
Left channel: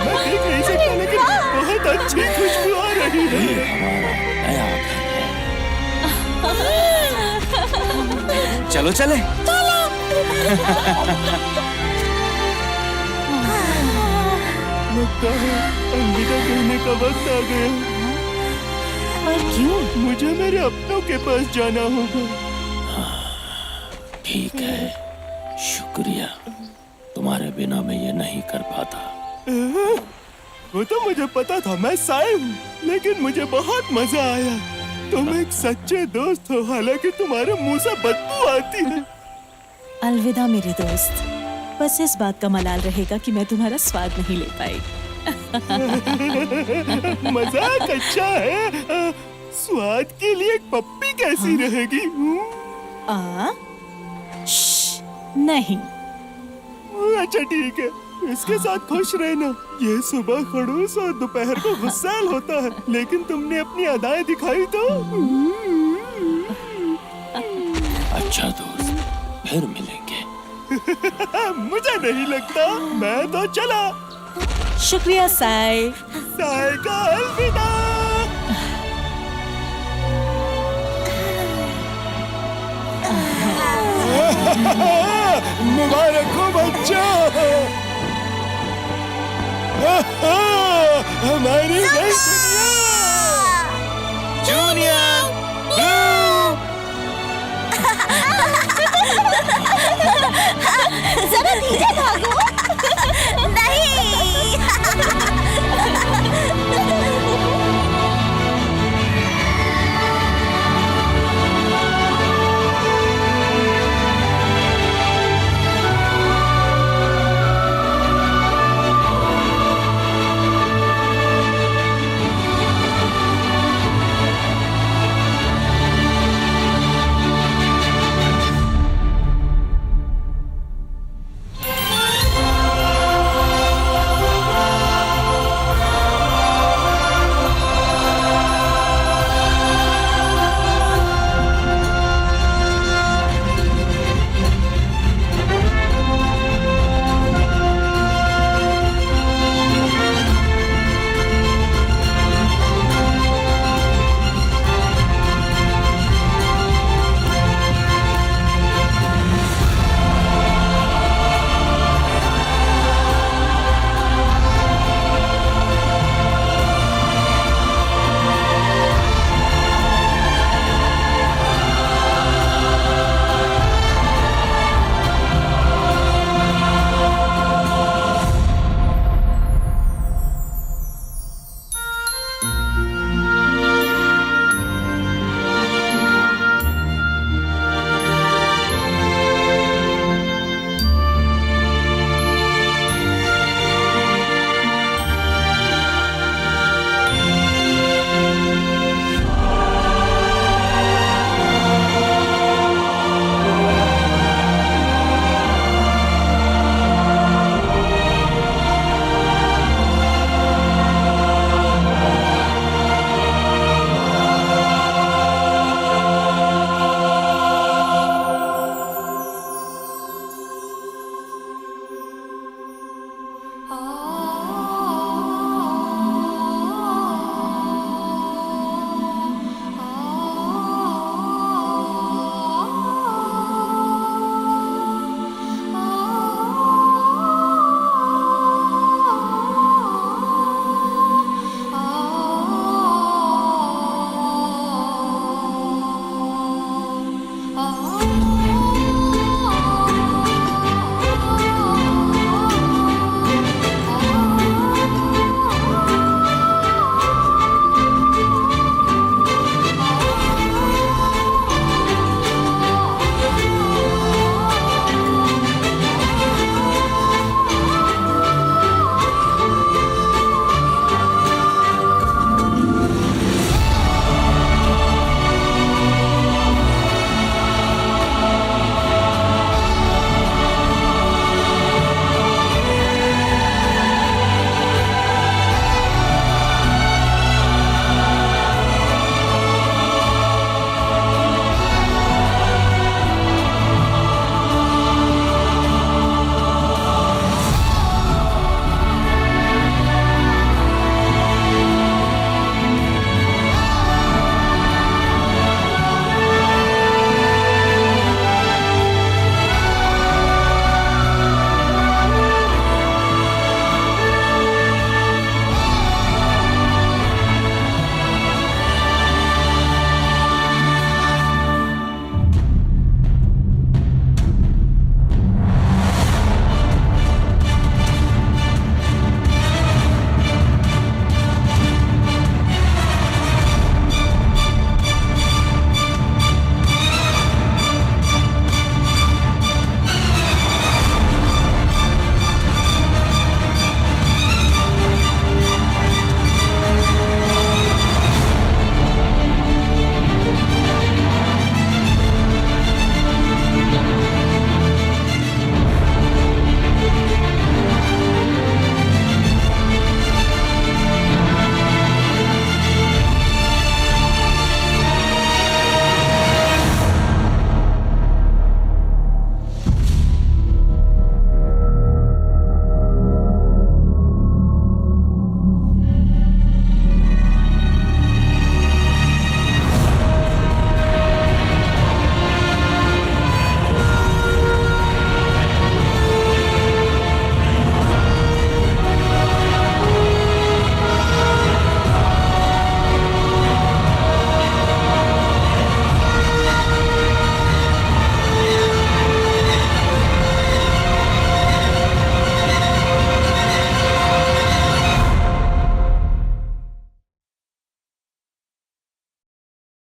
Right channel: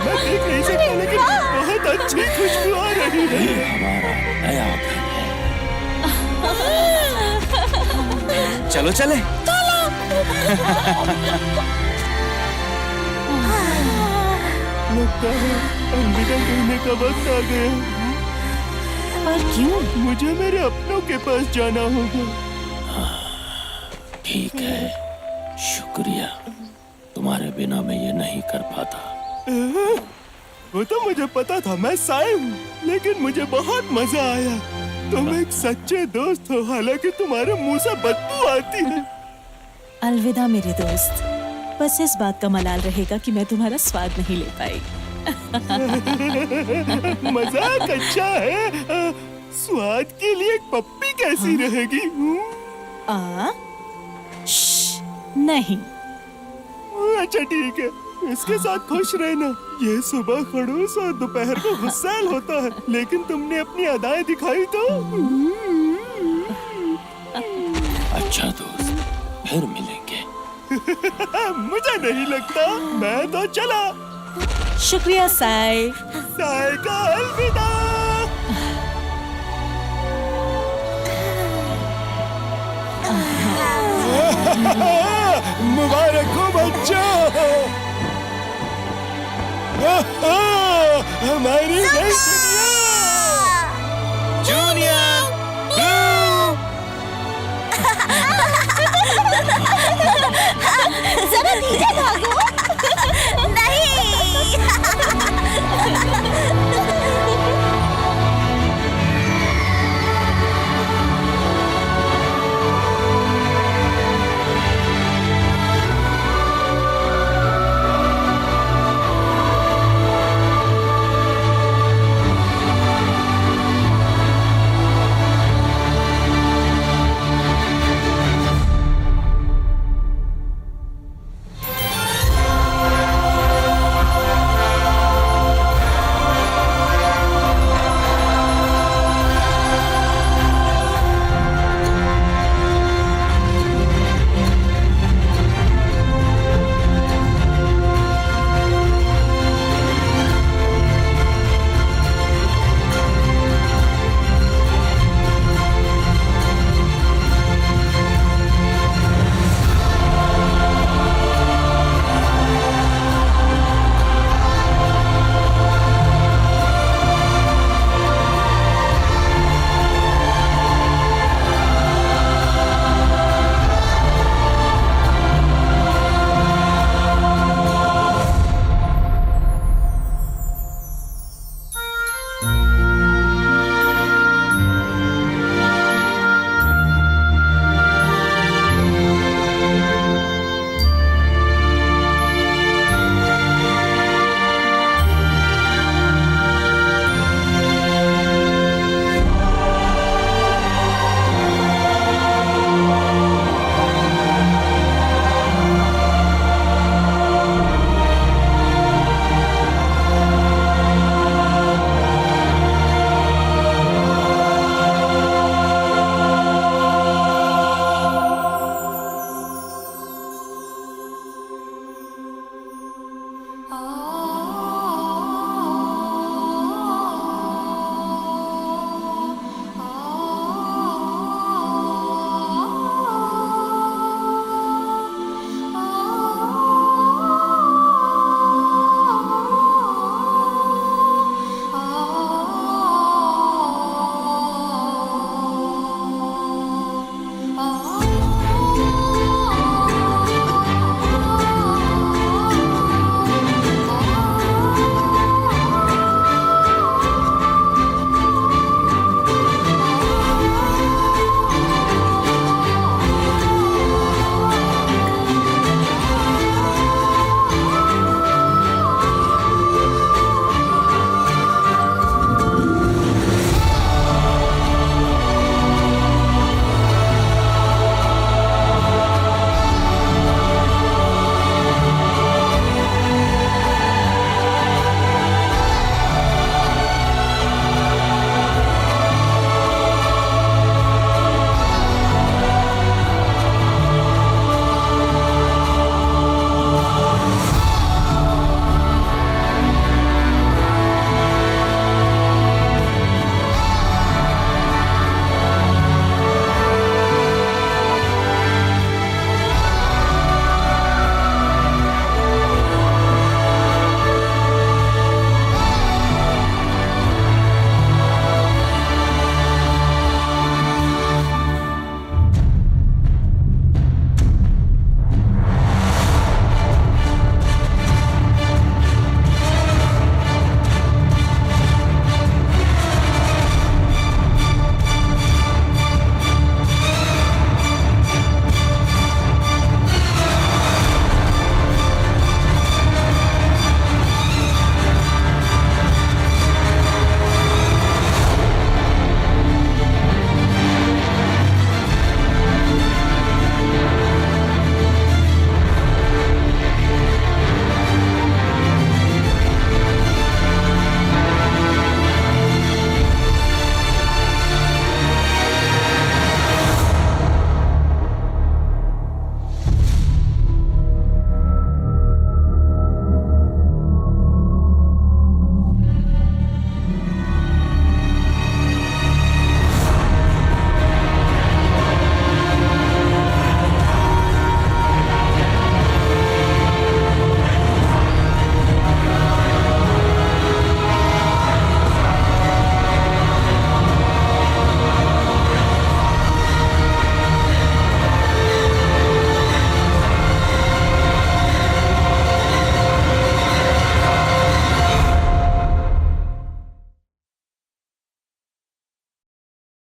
मैं देख नहीं सकता, लेकिन बहुत अच्छी खुशबू आ रही है। ये हमारा नया घर है। चलो चले। लगता है अलविदा कहने का वक्त आ गया। पर क्यों? मुझे मेरे अपनों के पास जाना होगा। ठीक है, शुक्रिया। तुम्हारे बिना मैं ये नहीं कर पाता। वो तो मुझे पता था, मैं साई हूँ, लेकिन मुझे बहुत मजा आया। तुम एक सच्चे दोस्त हो, हालांकि तुम्हारे मुंह से बदबू आती है। अलविदा मेरे दोस्त। बस इस बात का मलाल रहेगा कि मैं तुम्हारा स्वाद नहीं ले पाई। मजाक अच्छा है। स्वाद के लिए एक पप्पी कैसी रहेगी? नहीं। अच्छा ठीक है, इसके साथ खुश रहना। ये सुबह खड़ूस और दोपहर को गुस्सैल होता है, लेकिन तुमने अपनी अदाएं दिखाई तो। अच्छा दोस्त, फिर मिलेंगे। मुझे नहीं लगता। मैं तो चला। शुक्रिया साई। साई का अलविदा। मुबारक हो बच्चों, हमारी नई दुनिया। जूनियर जरा धीरे भागो। नहीं।